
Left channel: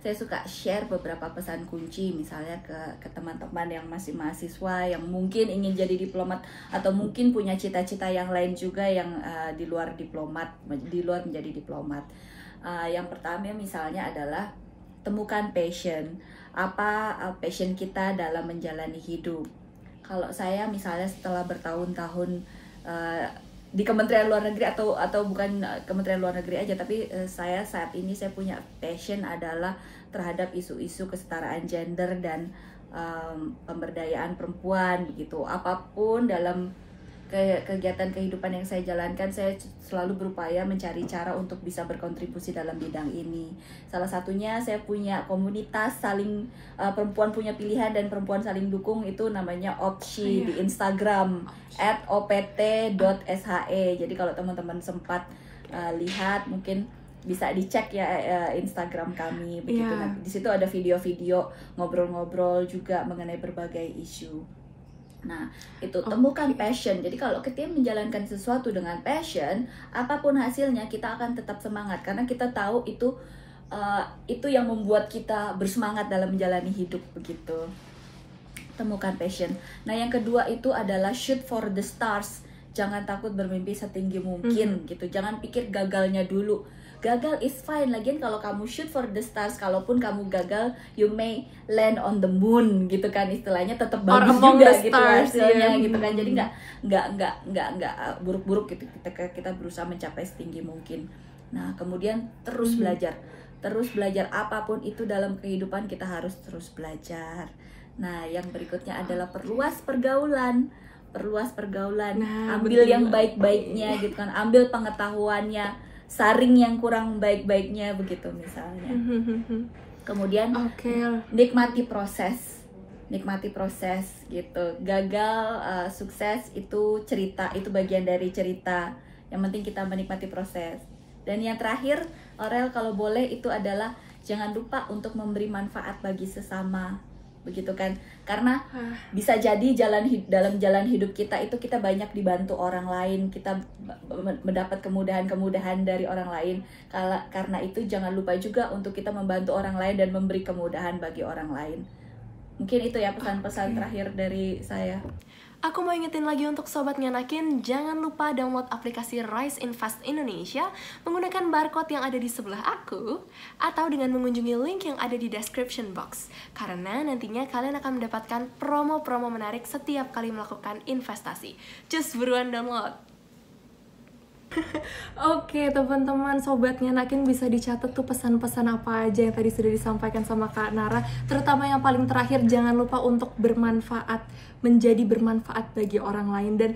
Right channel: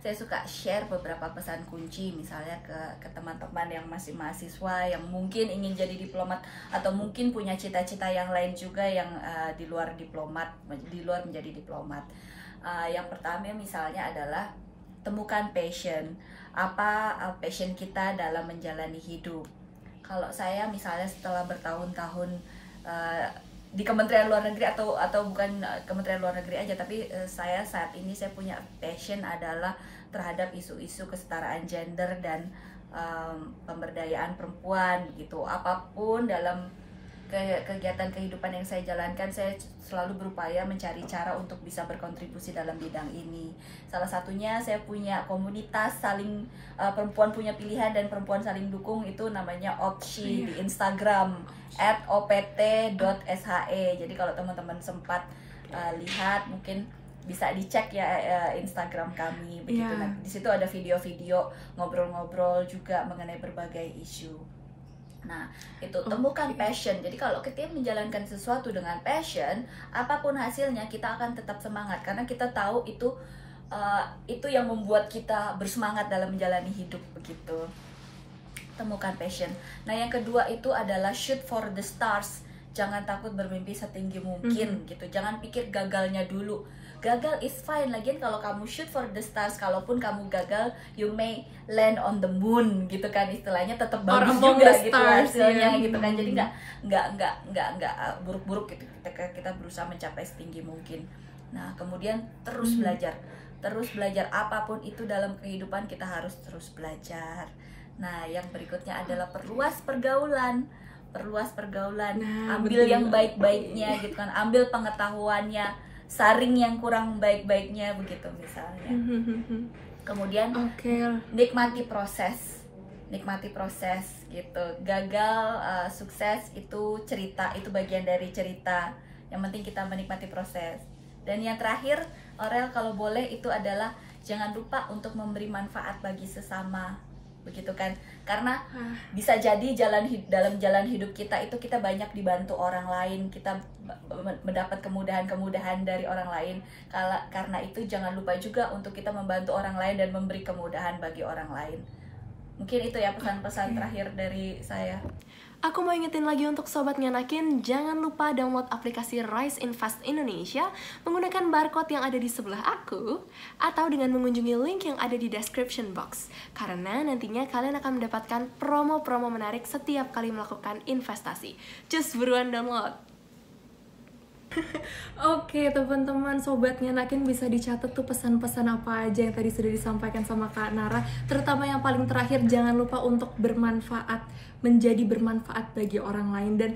Saya suka share beberapa pesan kunci misalnya ke teman-teman yang masih mahasiswa, yang mungkin ingin jadi diplomat, atau mungkin punya cita-cita yang lain juga yang di luar menjadi diplomat. Yang pertama misalnya adalah temukan passion. Apa passion kita dalam menjalani hidup? Kalau saya misalnya setelah bertahun-tahun di Kementerian Luar Negeri, atau bukan Kementerian Luar Negeri aja, tapi saya saat ini saya punya passion adalah terhadap isu-isu kesetaraan gender dan pemberdayaan perempuan begitu. Apapun dalam kegiatan kehidupan yang saya jalankan, saya selalu berupaya mencari cara untuk bisa berkontribusi dalam bidang ini. Salah satunya saya punya komunitas saling perempuan punya pilihan dan perempuan saling dukung, itu namanya OPSHE di Instagram @opt.she. Jadi kalau teman-teman sempat lihat, mungkin bisa dicek ya Instagram kami begitu. Di situ ada video-video ngobrol-ngobrol juga mengenai berbagai isu. Nah, itu temukan passion. Jadi kalau kita menjalankan sesuatu dengan passion, apapun hasilnya kita akan tetap semangat karena kita tahu itu yang membuat kita bersemangat dalam menjalani hidup begitu. Temukan passion. Nah, yang kedua itu adalah shoot for the stars. Jangan takut bermimpi setinggi mungkin gitu. Jangan pikir gagalnya dulu. Gagal is fine, lagian kalau kamu shoot for the stars, kalaupun kamu gagal, you may land on the moon gitu kan istilahnya, tetap bagus among juga, the stars gitu, gitu kan. Jadi nggak buruk-buruk gitu. Kita berusaha mencapai setinggi mungkin. Nah, kemudian terus belajar apapun itu dalam kehidupan, kita harus terus belajar. Nah, yang berikutnya adalah perluas pergaulan. Nah, ambil yang baik-baiknya gitu kan, ambil pengetahuannya, saring yang kurang baik-baiknya begitu misalnya. Kemudian nikmati proses gitu. Gagal, sukses itu cerita, itu bagian dari cerita. Yang penting kita menikmati proses. Dan yang terakhir, Aurel, kalau boleh, itu adalah jangan lupa untuk memberi manfaat bagi sesama begitu kan, karena bisa jadi dalam jalan hidup kita itu kita banyak dibantu orang lain, kita mendapat kemudahan-kemudahan dari orang lain. Karena itu jangan lupa juga untuk kita membantu orang lain dan memberi kemudahan bagi orang lain. Mungkin itu ya pesan-pesan terakhir dari saya. Aku mau ingetin lagi untuk Sobat Nganakin, jangan lupa download aplikasi Rise Invest Indonesia menggunakan barcode yang ada di sebelah aku, atau dengan mengunjungi link yang ada di description box. Karena nantinya kalian akan mendapatkan promo-promo menarik setiap kali melakukan investasi. Just buruan download! Oke teman-teman, Sobat Nganakin, bisa dicatat tuh pesan-pesan apa aja yang tadi sudah disampaikan sama Kak Nara. Terutama yang paling terakhir, jangan lupa untuk bermanfaat, menjadi bermanfaat bagi orang lain. Dan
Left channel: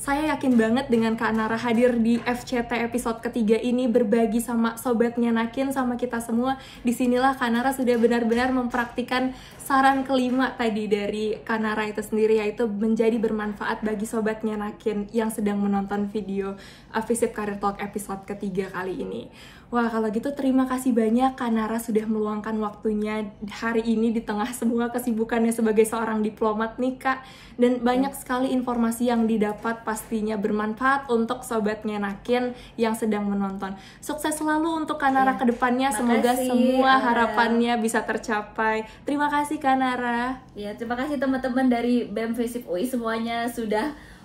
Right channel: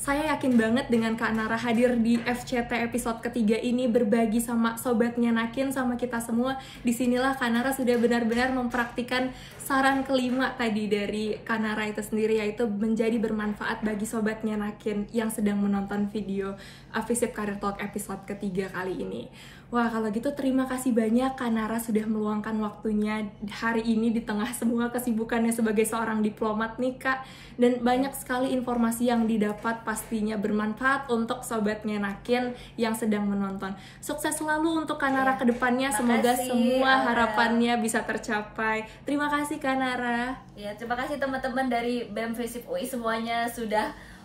saya yakin banget dengan Kak Nara hadir di FCT episode ketiga ini, berbagi sama Sobat Nganakin, sama kita semua. Disinilah Kak Nara sudah benar-benar mempraktikkan saran kelima tadi dari Kak Nara itu sendiri, yaitu menjadi bermanfaat bagi Sobat Nganakin yang sedang menonton video FISIP Career Talk episode ketiga kali ini. Wah, kalau gitu terima kasih banyak Kak Nara sudah meluangkan waktunya hari ini di tengah semua kesibukannya sebagai seorang diplomat nih Kak. Dan banyak sekali informasi yang didapat, pastinya bermanfaat untuk Sobat Nganakin yang sedang menonton. Sukses selalu untuk Kak Nara ke depannya, semoga semua harapannya bisa tercapai. Terima kasih Kak Nara. Ya, terima kasih teman-teman dari BEM FISIP UI semuanya sudah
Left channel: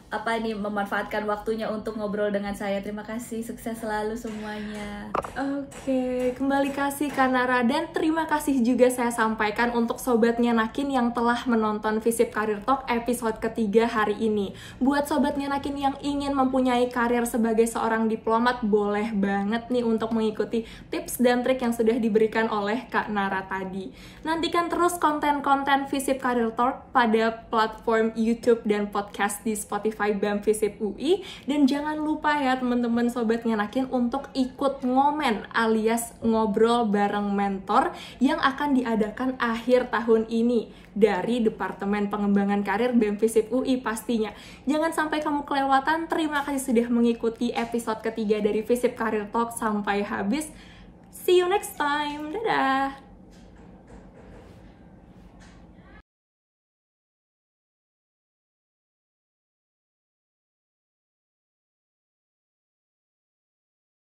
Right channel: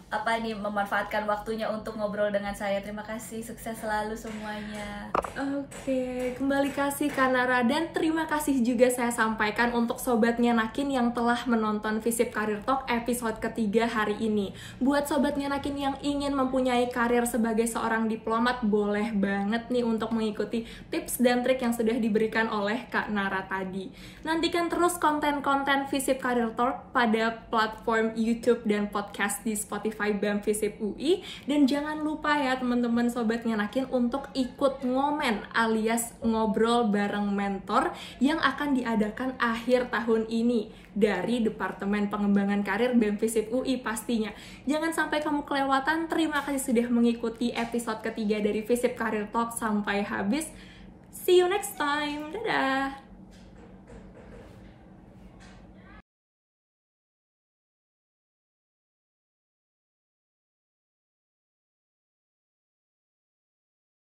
memanfaatkan waktunya untuk ngobrol dengan saya. Terima kasih, sukses selalu semuanya. Oke, kembali kasih Kak Nara, dan terima kasih juga saya sampaikan untuk Sobat Nganakin yang telah menonton FISIP Career Talk episode ketiga hari ini. Buat Sobat Nganakin yang ingin mempunyai karir sebagai seorang diplomat, boleh banget nih untuk mengikuti tips dan trik yang sudah diberikan oleh Kak Nara tadi. Nantikan terus konten-konten FISIP Career Talk pada platform YouTube dan podcast di Spotify BEM FISIP UI. Dan jangan lupa ya teman-teman Sobat Nganakin untuk ikut ngomen alias ngobrol bareng mentor yang akan diadakan akhir tahun ini dari Departemen Pengembangan Karir BEM FISIP UI pastinya. Jangan sampai kamu kelewatan. Terima kasih sudah mengikuti episode ketiga dari FISIP Career Talk sampai habis. See you next time. Dadah!